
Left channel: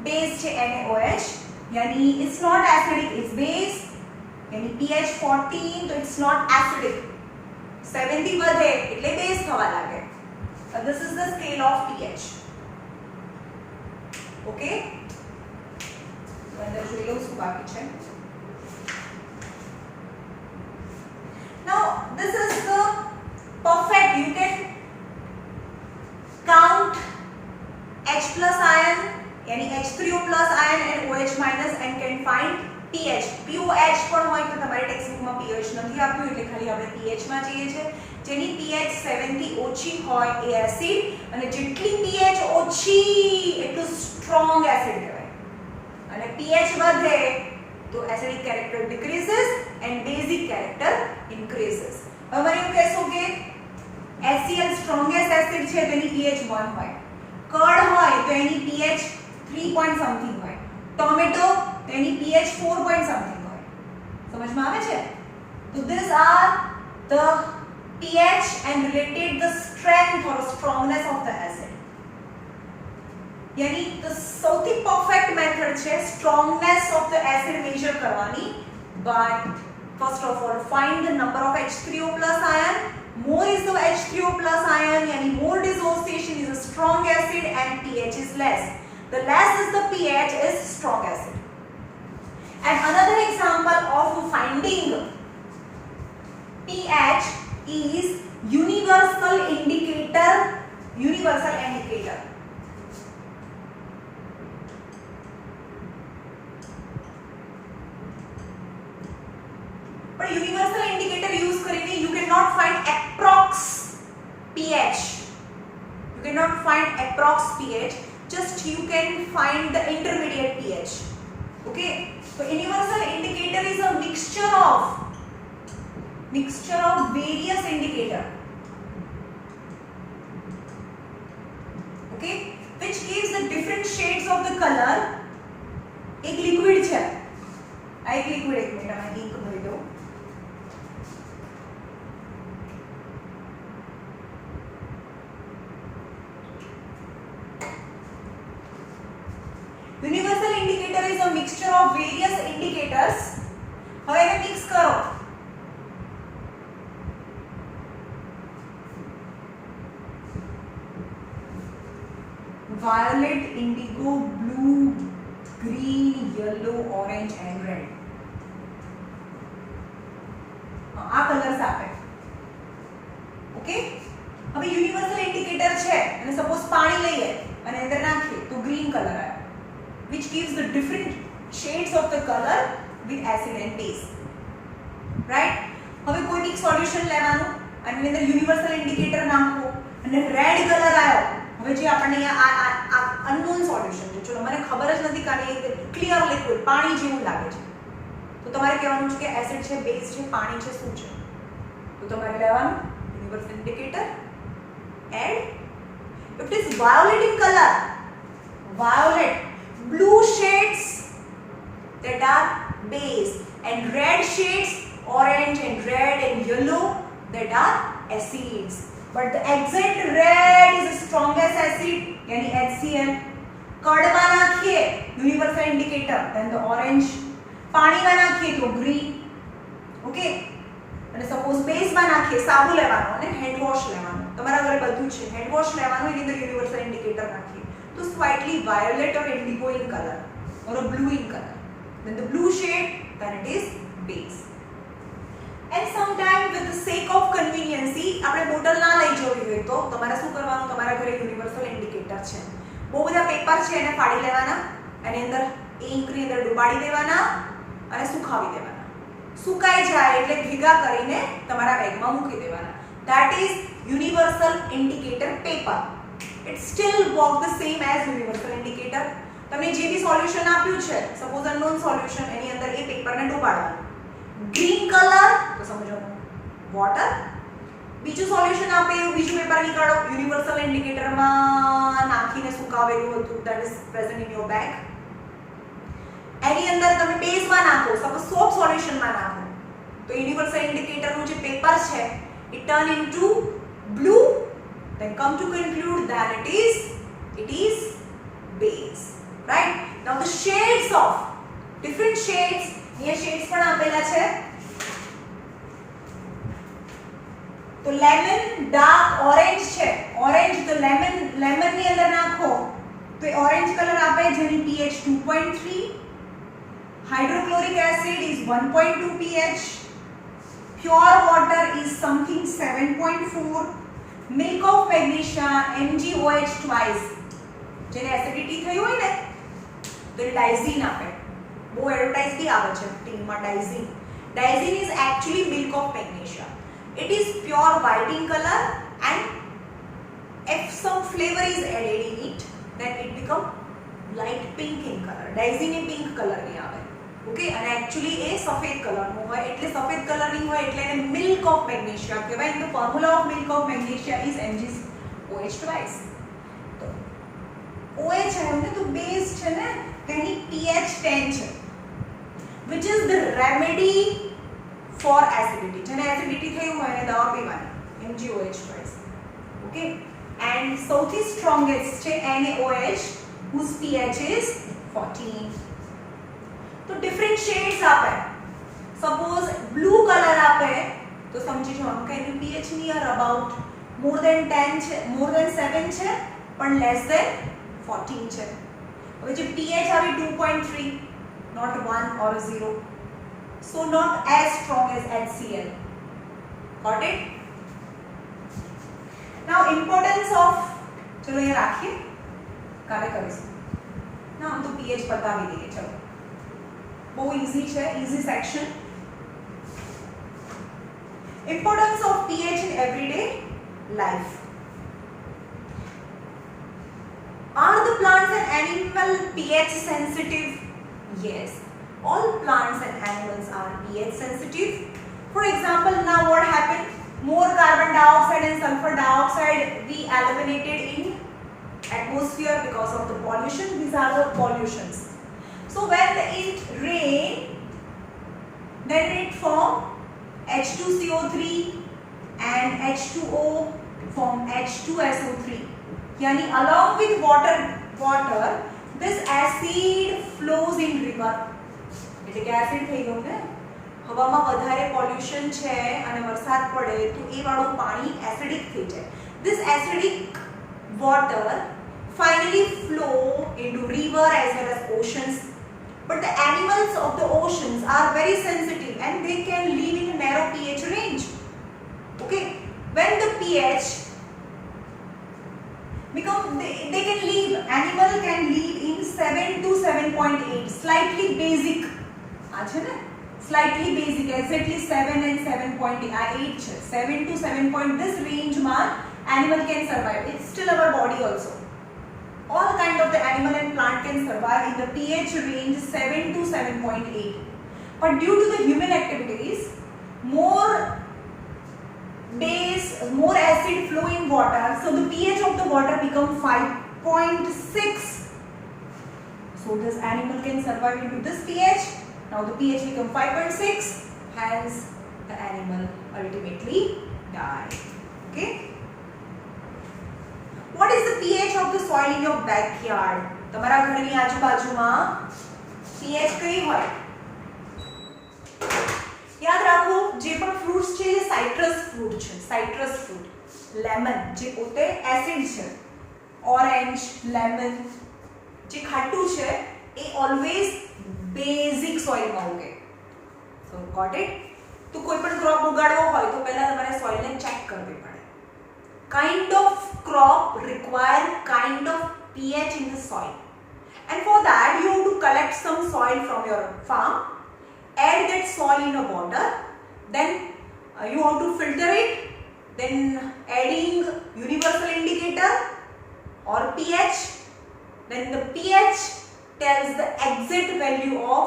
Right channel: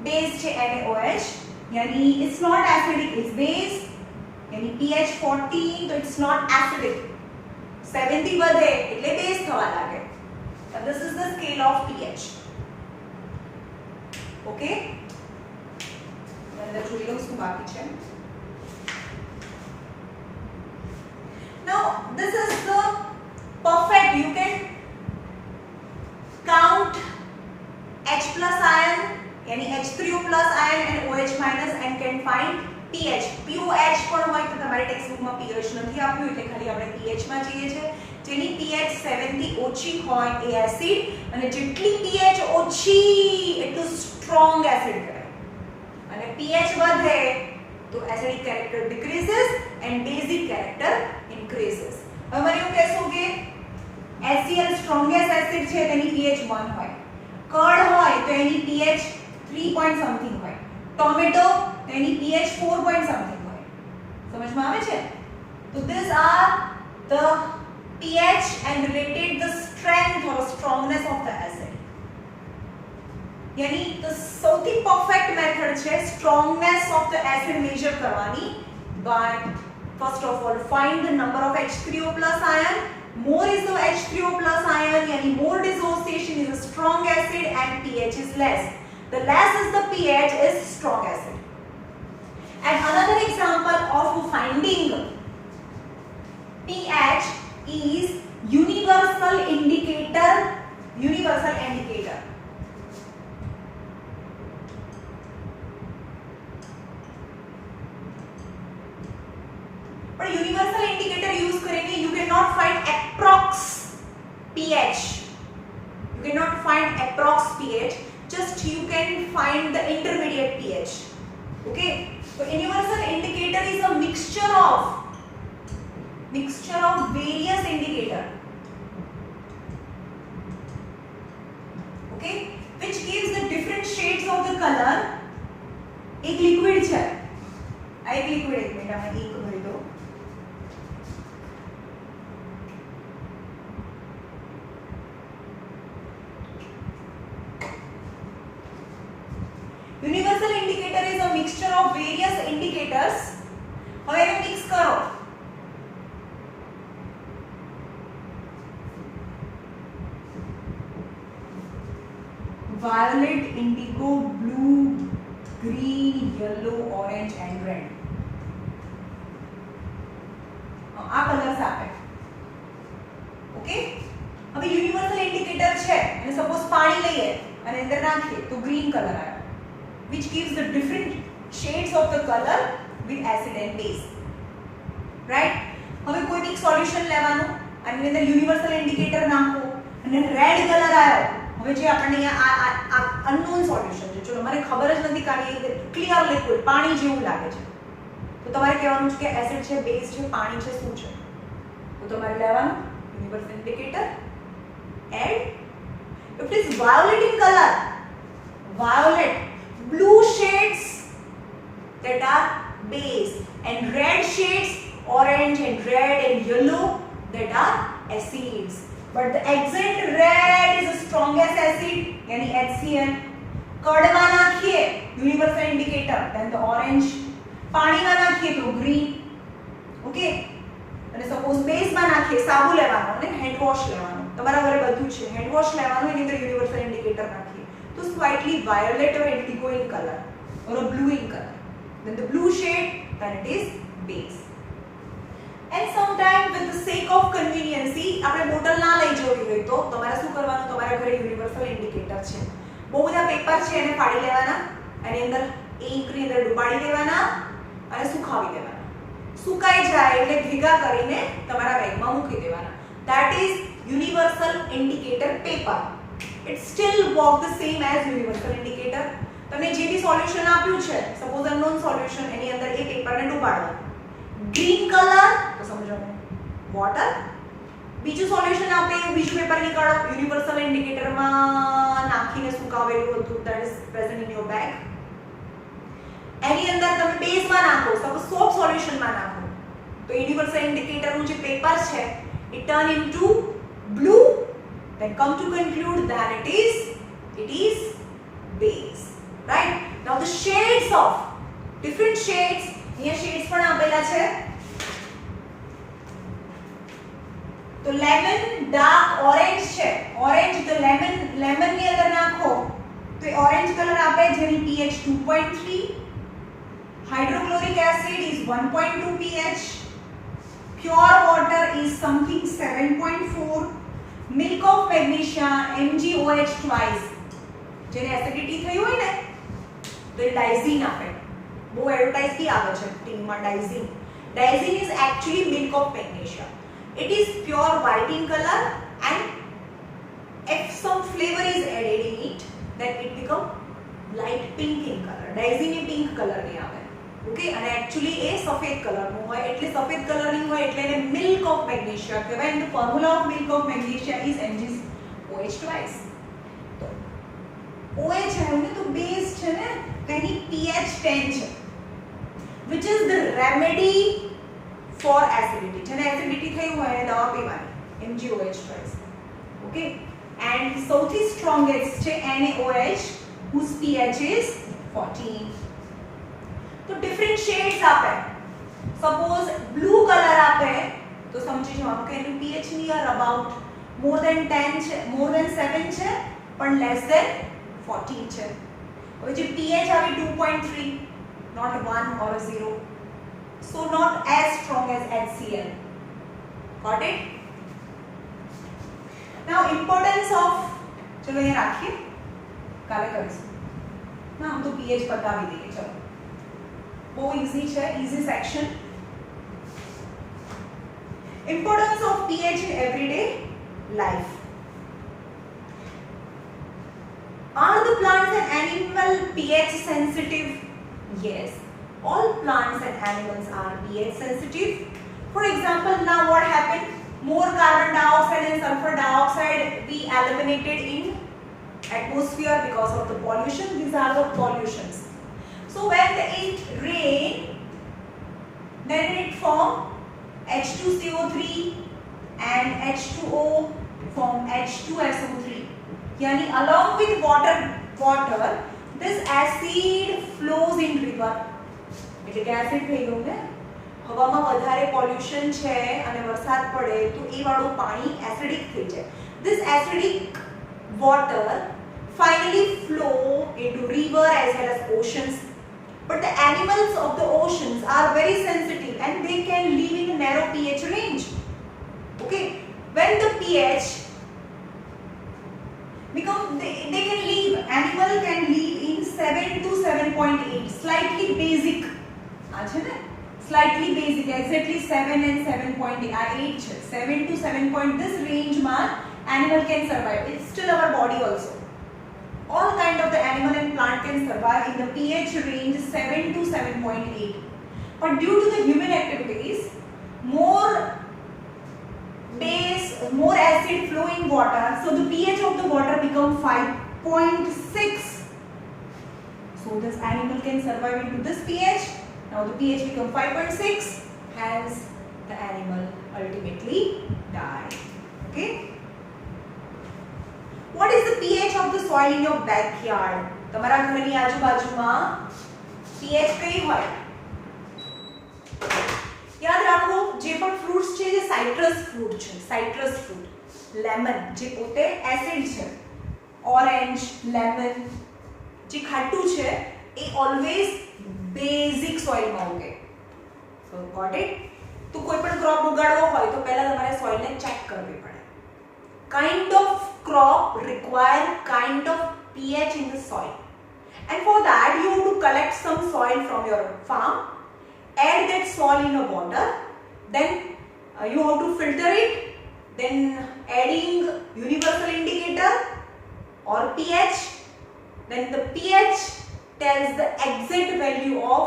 બેઝ છે NaOH. यानी it's not acidic, it's base. यानी pH 14 તો it's not acidic. 7 થી વધે એટલે બેઝ થવા લાગે. So this is the scale of pH. Okay? અંદર જોઈ લો શું બાકી છે. Now this is the perfect, you can count H+ ion yani H3O+ ion and OH- and can find pH POH પણ હોય તો તમારી ટેક્સ્ટ બુકમાં pH નથી આપ્યું એટલે ખાલી આપણે pH માં જઈએ છે જેની pH 7 થી ઓછી હોય એ એસિડ અને જેટલી pH ઓછી એટલું સ્ટ્રોંગ એસિડ કહેવાય અને pH વધે તો acidic character decreases and basic character increases હવે મને એવું કહેશો કે HCl સ્ટ્રોંગેસ્ટ એસિડ છે તેની pH 1 હોય કર્ડ હોય તો એની pH 3 point something હોય ટોમેટો એની pH 4 point something હોય સમજમાં આવે છે તો these are the pH and related the strength or strongness of the acid यानी the સૌથી પરફેક્ટ મેથડ છે strongness of the acid measure કરવાની but first of all find the number of H3O plus ion more is the H3O plus ion yani more dissociation is a strong acid and pH is less the less is the pH is strong acid and another example of finding pH is universal indicator but universal indicator use karenge you cannot find approx pH just you can find the intermediate pH okay so universal indicator is a mixture of various indicator okay which gives the different shades of the color एक liquid છે આ એક liquid એક મિનિટ અમે ink ભરી દો universal indicator is a mixture of various indicators હવે એને મિક્સ કરો violet indigo blue green yellow orange and red આ કલર્સ આપે ઓકે હવે યુનિવર્સલ ઇન્ડિકેટર છે અને સપોઝ પાણી લઈએ અને અંદર નાખીએ તો ગ્રીન કલર આવે which gives the different shades of the color with acid and base right હવે કોઈ બી સોલ્યુશન લેવાનું અને એની અંદર યુનિવર્સલ ઇન્ડિકેટર નાખો અને રેડ કલર આવ્યો હવે જે આપણને આ અનનોન સોલ્યુશન છે ચલો મને ખબર જ નથી કે ક્લિયર લિક્વિડ પાણી જેવું લાગે છે તો તમારે કહેવાનું છે કે એસિડ છે બેઝ છે પાણી છે શું છે તો તમારે લેવાનું universal indicator add if it is violet in color violet blue shades that are base and red shades orange and red and yellow that are acids but the exact red is the strongest acid yani HCl curd માં નાખીએ universal indicator then the orange પાણી માં નાખીએ તો green okay અને suppose base માં નાખીએ સાબુ લેવાનો અને હેન્ડ વોશ લેવાનો તમારા ઘરે બધું છે હેન્ડ વોશ લેવાનું એની અંદર યુનિવર્સલ ઇન્ડિકેટર નાખીએ तो slightly violet or indigo in color or a blue in color when the blue shade then it is base and sometimes with the sake of convenience આપણે બોટલ ના લઈ જવી હોય તો તમારે શું કરવાનું તમારા ઘરે યુનિવર્સલ ઇન્ડિકેટર છે બહુ બધા પેપર છે એને ફાડી લેવાના અને અંદર ઇંક ની અંદર ડુબાડી દેવાના અને સુકાવી દેવાના સુકાઈ જાય એટલે ભેગા કરીને તમારા બેગમાં મૂકી દેવાના that is universal indicator paper it still work the same as universal indicator તમને જે બી સોલ્યુશન આપ્યું છે સપોઝ અનનોન સોલ્યુશન એની અંદર એ પેપરને ડુબાડવાનું ગ્રીન કલર તો સમજો વોટર બીજું સોલ્યુશન આપે એવું બીજું પેપર નીકાળો યુનિવર્સલ ઇન્ડિકેટરમાં નાખીને સુકાવેલું હતું that is present in your bag એની અંદર તમે બેઝમાં નાખો સપોઝ સોપ સોલ્યુશનમાં નાખો તો યુનિવર્સલ ઇન્ડિકેટરનું જે પેપર છે it turn into blue then come to conclude that it is base right now the shades of different shades here shades પણ આપેલા છે તો lemon dark orange છે orange તો lemon ની અંદર નાખો તો orange કલર આપે જેની pH 2.3 hydrochloric acid is 1.2 pH pure water is something 7.4 milk of magnesia MgOH twice જેને એસિડિટી થઈ હોય ને તો ડાઇઝીન આપે બહુ એડવર્ટાઇઝ બી આવે છે ટીમમાં Digene. Digene is actually milk of magnesia. It is pure white in color and if some flavor is added in it then it become light pink in color. Daisy ને pink color ની આવે. ઓકે, અને actually એ સફેદ કલર નું હોય એટલે સફેદ કલર ની હોય એટલે એને milk of magnesia કહેવાય. and the formula of milk of magnesia is MgOH twice. તો OH है ને તો બેઝ છે ને તેની pH 10 છે which is the remedy for acidity. જેને એસિડિટી થયું હોય એને દવા પીવાની MgOH twice. ઓકે, and સૌથી સ્ટ્રોંગેસ્ટ છે NaOH whose pH is 14. तो डिफरेंट शेड्स आपे. सपोज ब्लू कलर आपे तो समझी जवाब કે એનું pH near about more than 10 છે, મોર ધેન 7 છે પણ લેસ ધેન 14 છે. હવે જે pH આવે 2.3 not 1 or 0, so not as strong as HCl. Got it? Now importance of, चलो ये રાખીએ, કાલે કરીશું ના. हम तो pH बताવી દઈએ. चलो बहुत इजी है, easy section. Importance of pH in everyday life. Are the plants and animal pH sensitive? Yes, all plants and animals are pH sensitive. For example, now what happened? More carbon dioxide and sulfur dioxide we eliminated in atmosphere because of the pollution. These are the pollutions. So when it rain, then it form H2CO3 and H2O form H2SO3. Yani along with water, this acid flows in river. એટલે કે એસિડ થઈ ગયું ને, હવામાં વધારે પોલ્યુશન છે અને વરસાદ પડે તો એ વાળું પાણી એસિડિક થઈ જાય. This acidic water finally flow into river as well as oceans. But the animals of the oceans are very sensitive and they can live in a narrow pH range. Okay, when the pH become, they can live, animal can live in 7 to 7.8, slightly basic. Slightly basic, exactly 7 and 7.8 છે. 7 to 7 point, this range માં animal can survive. It's still our body also. All kind of the animal and plant can survive in the pH range 7 to 7.8. But due to the human activities, more base, more acid flow in water, so the pH of the water become 5.6. So this animal can survive into this pH. Now the pH become 5.6, hence the animal ultimately die. Okay. What is the pH of the soil in your backyard? તમારા ઘરની આજુબાજુમાં pH કઈ હોય? યાદ રાખો, જે પણ ફ્રૂટ્સ છે જે સાઇટ્રસ ફ્રૂટ છે, સાઇટ્રસ ફ્રૂટ, લેમન જે પોતે એસિડ છે, ઓરેન્જ, લેમન જે ખાટું છે એ ઓલવેઝ બેઝિક સોઇલમાં ઉગે. સો ગોટ ઇટ? તો કોઈ પણ ક્રોપ ઉગાડવો હોય તો પહેલા તમારે સોઇલને ચેક કરવી પડે. Kind of crop require kind of pH in the soil, and for that you have to collect some soil from your farm, add that soil in a water, then you have to filter it, then adding universal indicator or pH, then the pH tells the exact value of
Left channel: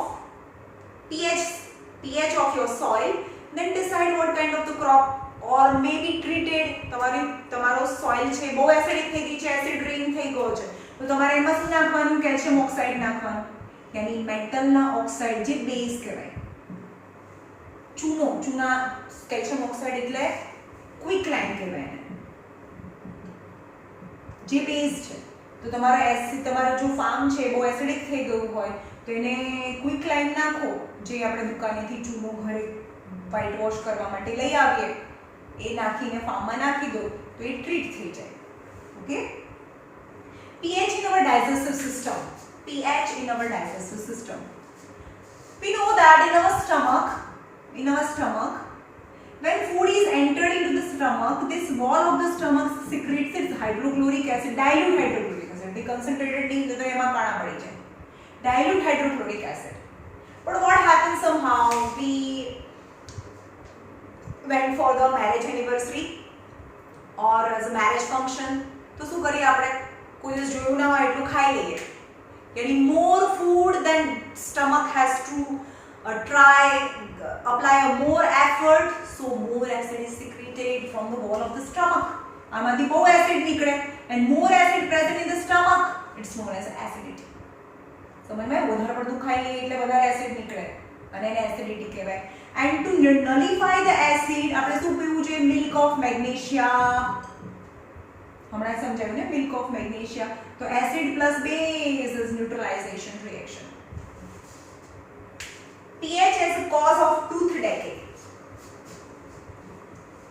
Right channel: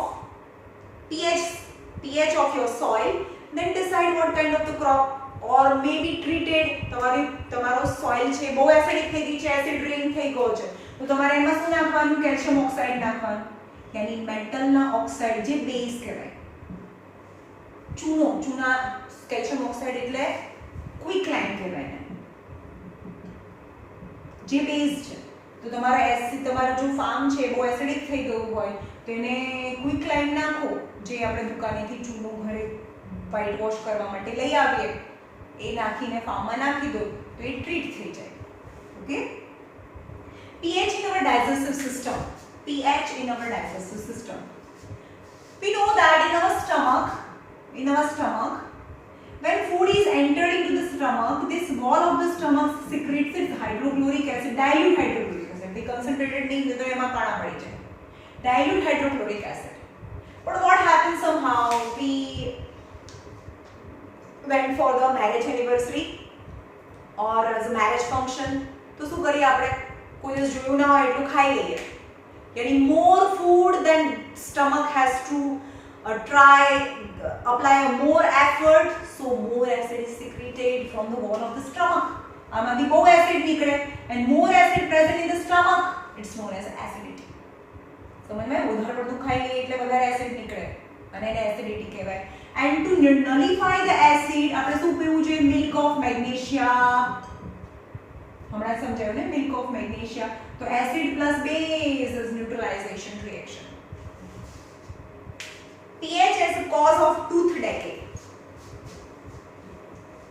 pH of your soil, then decide what kind of the crop, or maybe treated. તમારો સોઇલ છે બહુ એસિડિક થઈ ગઈ છે, એસિડ રેન થઈ ગયો છે, તો તમારે એમાં શું નાખવાનું? કેલ્શિયમ ઓક્સાઇડ નાખવાનું, યાની મેટલના ઓક્સાઇડ જે બેઝ કહેવાય. ચૂના કેલ્શિયમ ઓક્સાઇડ એટલે ક્વિકલાઇમ કહેવાય એને, જે બેઝ છે. તો તમારો જો ફાર્મ છે બહુ એસિડિક થઈ ગયું હોય તો એને ક્વિકલાઇમ નાખો, જે આપણે દુકાનેથી ચૂનો ઘરે વ્હાઇટ વોશ કરવા માટે લઈ આવીએ, એ નાખીને ફાર્મમાં નાખી દો તો એ ટ્રીટ થઈ જાય. Okay. pH in our digestive system. pH in our digestive system. We know that in our stomach, when food is entered into the stomach, this wall of the stomach secretes its hydrochloric acid, dilute hydrochloric acid. The concentrated means तो एमा काणा पड़ी जाए. Dilute hydrochloric acid. But what happened, somehow we went for the marriage anniversary or as a marriage function. तो શું કરીએ આપણે, કોઈ દિવસ જોયું ના હોય એટલું ખાઈ લઈએ, यानी more food than stomach has to try apply a more effort, so more acid is secreted from the wall of the stomach. આમાંથી બહુ એસિડ નીકળે, and more acid present in the stomach, it's known as acidity. સમજમાં? વધારે પડતું ખાઈ લઈએ એટલે વધારે એસિડ નીકળે અને એને એસિડિટી કહેવાય. And to nullify the acid આપણે શું પીવું જોઈએ? Milk of magnesia. હમણાં સમજાયું ને, મિલ્ક ઓફ મેગ્નેશિયા. તો acid plus base is neutralization reaction. pH as a cause of tooth decay.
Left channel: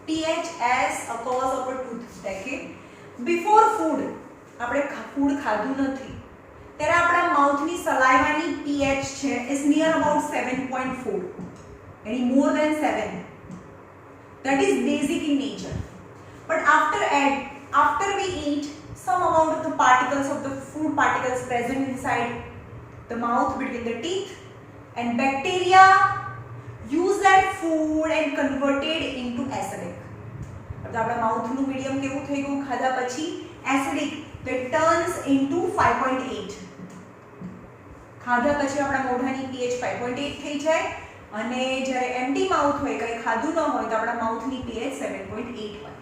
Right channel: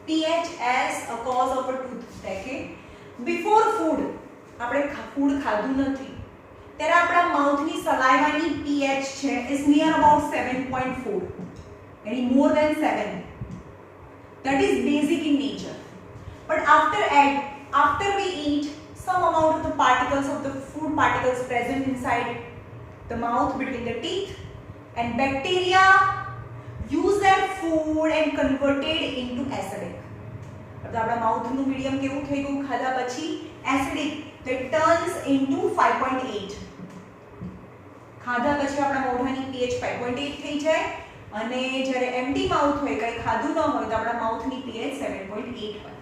pH as a cause of a tooth decay. Before food, આપણે ફૂડ ખાધું નથી ત્યારે આપણા માઉથની સલાઇવાની pH છે is near about 7.4, any more than 7. That is basic in nature. But after we eat, some amount of the particles of the food particles present inside the mouth between the teeth, and bacteria use that food and converted into acidic. तो आपड़ा माउथ नु मीडियम केवू થઈ ગયું ખાધા પછી એસિડિક, તો it turns into 5.8. ખાધા પછી આપણા મોઢાની pH 5.8 થઈ જાય અને જ્યારે એમ્પ્ટી માઉથ હોય, કંઈ ખાધું ન હોય, તો આપણા માઉથની pH 7.8 હોય.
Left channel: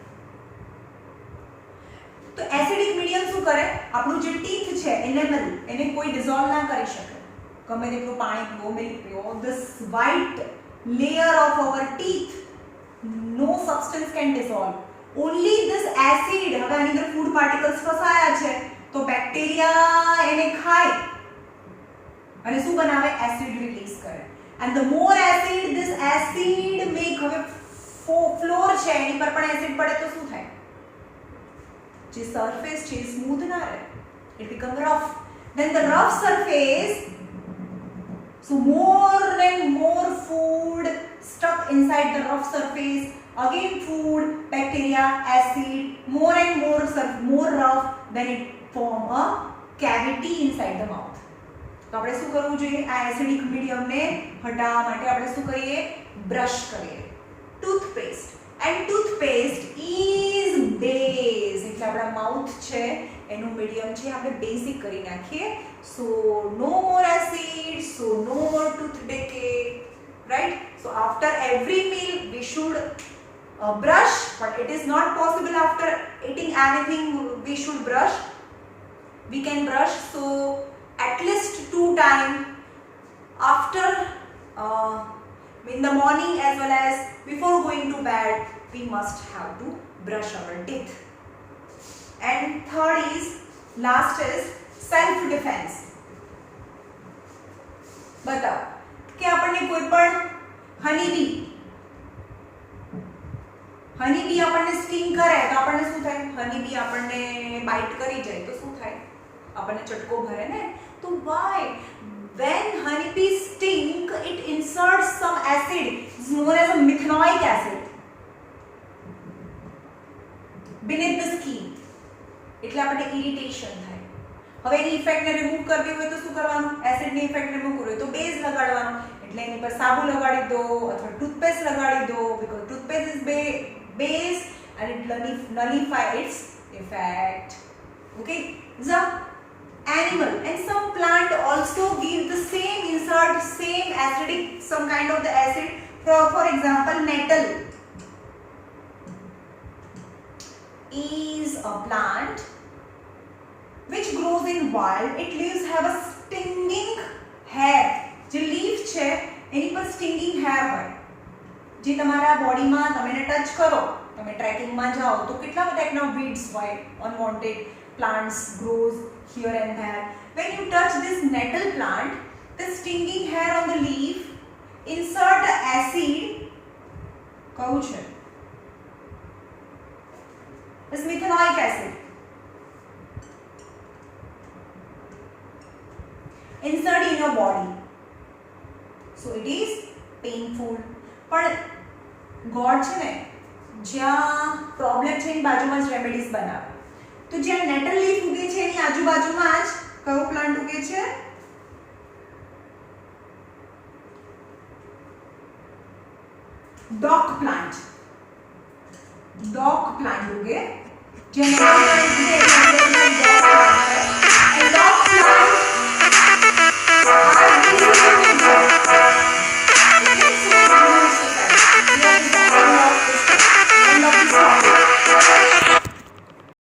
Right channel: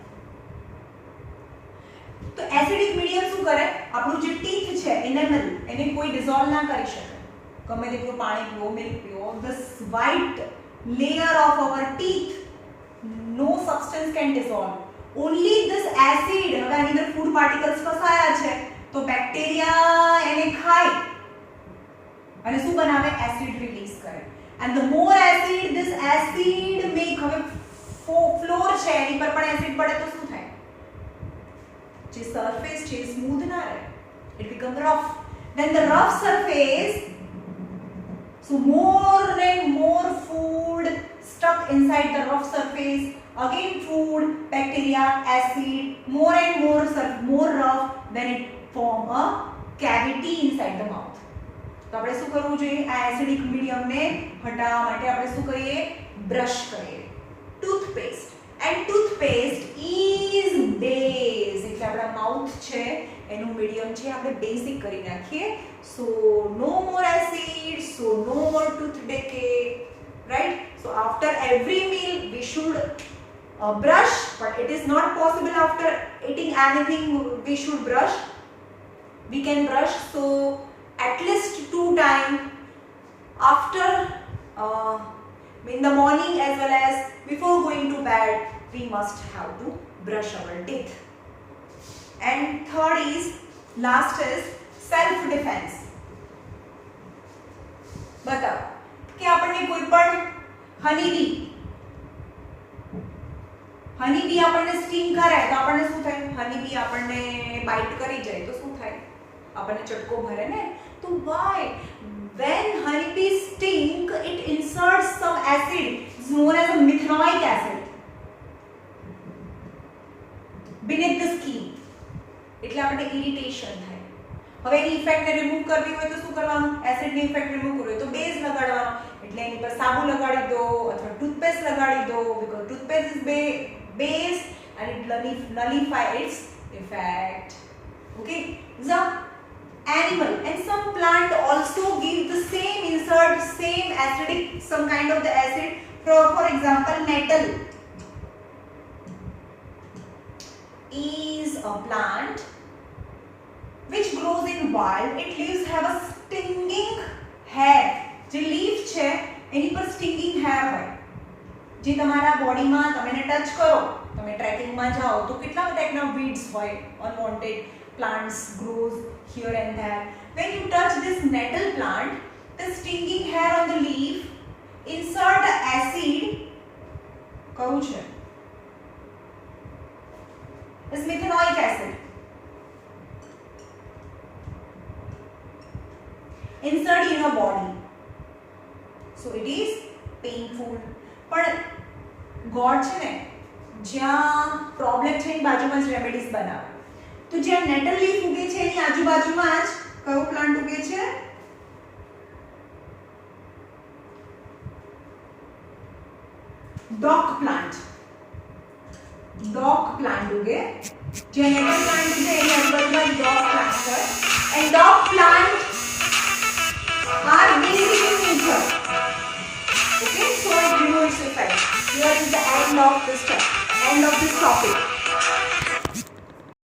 તો એસિડિક મીડિયમ શું કરે? આપણું જે ટીથ છે એનેમલ, એને કોઈ ડિસોલ્વ ના કરી શકે. ગમે તેટલું પાણી પીવો, મિલ્ક પીવો, this white layer of our teeth, no substance can dissolve. Only this acid, હવે આની અંદર ફૂડ પાર્ટિકલ્સ ફસાયા છે, તો બેક્ટેરિયા એને ખાય અને શું બનાવે? એસિડ રિલીઝ કરે. and the more acid this acid make, હવે ફ્લોર છે એની પર પણ એસિડ પડે તો શું થાય? જે સરફેસ છે સ્મૂથ ના રહે, it become rough. then the rough surface, so more and more food stuck inside the rough surface, again food, bacteria, acid, more and more rough, then it form a cavity inside the mouth. તો આપણે શું કરવું જોઈએ? આ એસિડિક મીડિયમને હટાવવા માટે આપણે શું કરીએ? બ્રશ કરીએ. Toothpaste, and toothpaste is base, એટલે આપણા માઉથ છે એનું મીડિયમ છે આપણે બેઝિક કરી નાખીએ. so no more acid, so no more tooth decay, right? so after every meal we should brush, but it is not possible after eating anything we should brush. We can brush so at least 2 times after in the morning as well as before going to bed. We must have to brush our teeth. And third is, last is self defense. बताओ कि આપણને કોઈ પણ હનીબી આપણને સ્ટિંગ કરે તો આપણને શું થાય? હનીબી આપણને બાઇટ કરી જાય તો શું થાય? આપણને ચટકો ભરે ને. તો why when honeybees sting, it inserts some acid, is known as a methanoic acid, beneath the skin, એટલે આપણને ઇરિટેશન થાય. હવે એની ઇફેક્ટને રિમૂવ કરવી હોય તો શું કરવાનું? એસિડની ઇફેક્ટ રિમૂવ કરવી હોય તો બેઝ લગાડવાનો, એટલે એની પર સાબુ લગાડી દો અથવા ટૂથપેસ્ટ લગાડી દો, because toothpaste is base and it nullify its effect. okay, the animal and some plant also give the same insert, same acidic, some kind of the acid. For example, nettle is a plant which grows in wild. Its leaves have a stinging hair. જે leaf છે એની પર stinging hair હોય, જે તમારા બોડીમાં તમે એને ટચ કરો, તમે ટ્રેકિંગમાં જાઓ તો કેટલા ટાઈપના weeds હોય, unwanted plants grows here and there. When you touch this nettle plant, the stinging hair on the leaf insert the acid, કહું છે, is methanoic acid. Insert in your body. So it is painful. પણ God છે ને, જ્યાં પ્રોબ્લેમ છે એની બાજુમાં જ રેમેડીઝ બનાવે. તો જ્યાં નેટલ લીફ ઉગે છે એની આજુબાજુમાં જ કયો પ્લાન્ટ ઉગે છે? डॉक प्लांट दोगे जेनेटिक प्लांट डॉक प्लांट है and dock plant are basically nature. Okay, so you know it's a fact. Here is the end of this topic.